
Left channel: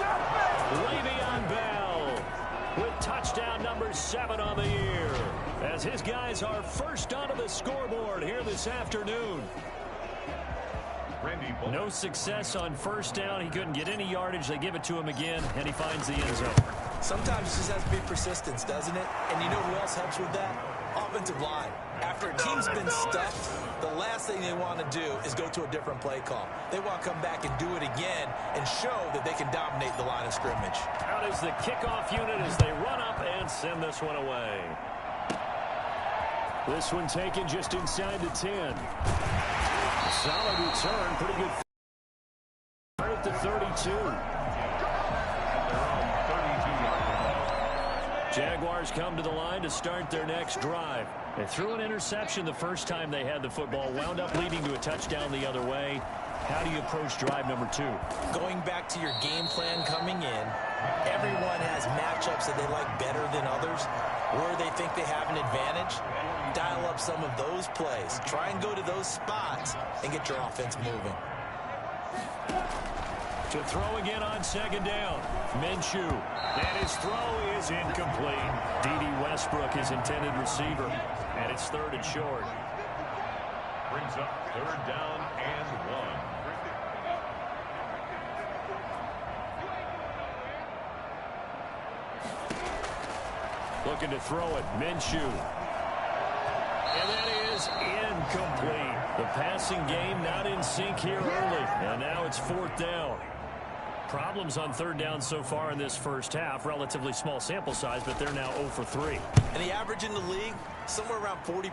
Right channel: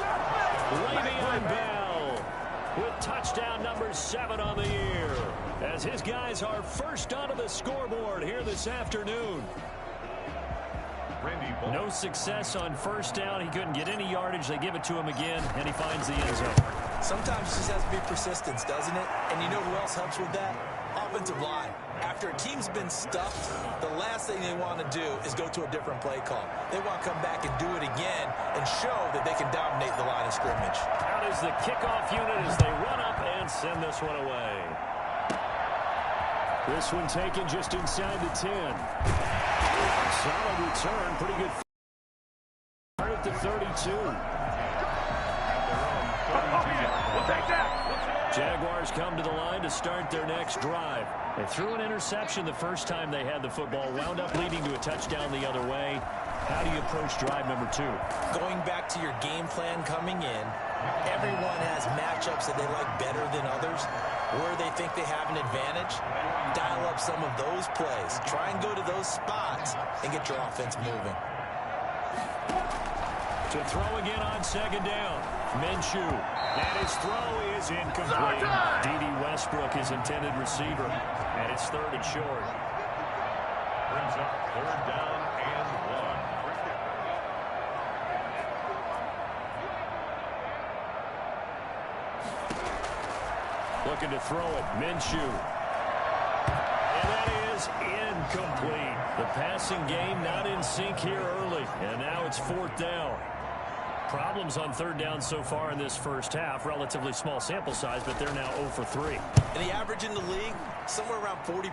Le'Veon Bell with touchdown number 7 on the year, as his guys are first onto the scoreboard here this afternoon. No success on 1st down. He couldn't get any yardage. They give it to him again, and he finds the end zone. Sometimes it just has to be persistence, doesn't it? And you know who else helps with that? Offensive line. After a team's been stuffed, the last thing they want to do is go to a different play call. They want to come back and do it again and show that they can dominate the line of scrimmage. Out is the kickoff unit as they run up and send this one away. This one taken just inside the 10. Solid return, pretty good. At the 32. Jaguars come to the line to start their next drive. They threw an interception the first time they had the football, wound up leading to a touchdown the other way. How do you approach drive number 2? Going back to your game plan coming in, everyone has matchups that they like better than others. Where they think they have an advantage, dial up some of those plays. Try and go to those spots and get your offense moving. To throw again on 2nd down. Minshew. And his throw is incomplete. D.D. Westbrook, his intended receiver. And it's 3rd and short. Brings up 3rd down and 1. Looking to throw it. Minshew. And that is incomplete. The passing game not in sync here early. And now it's 4th down. Problems on 3rd down so far in this first half. Relatively small sample size, but they're now 0 for 3. And the average in the league, somewhere around 40%.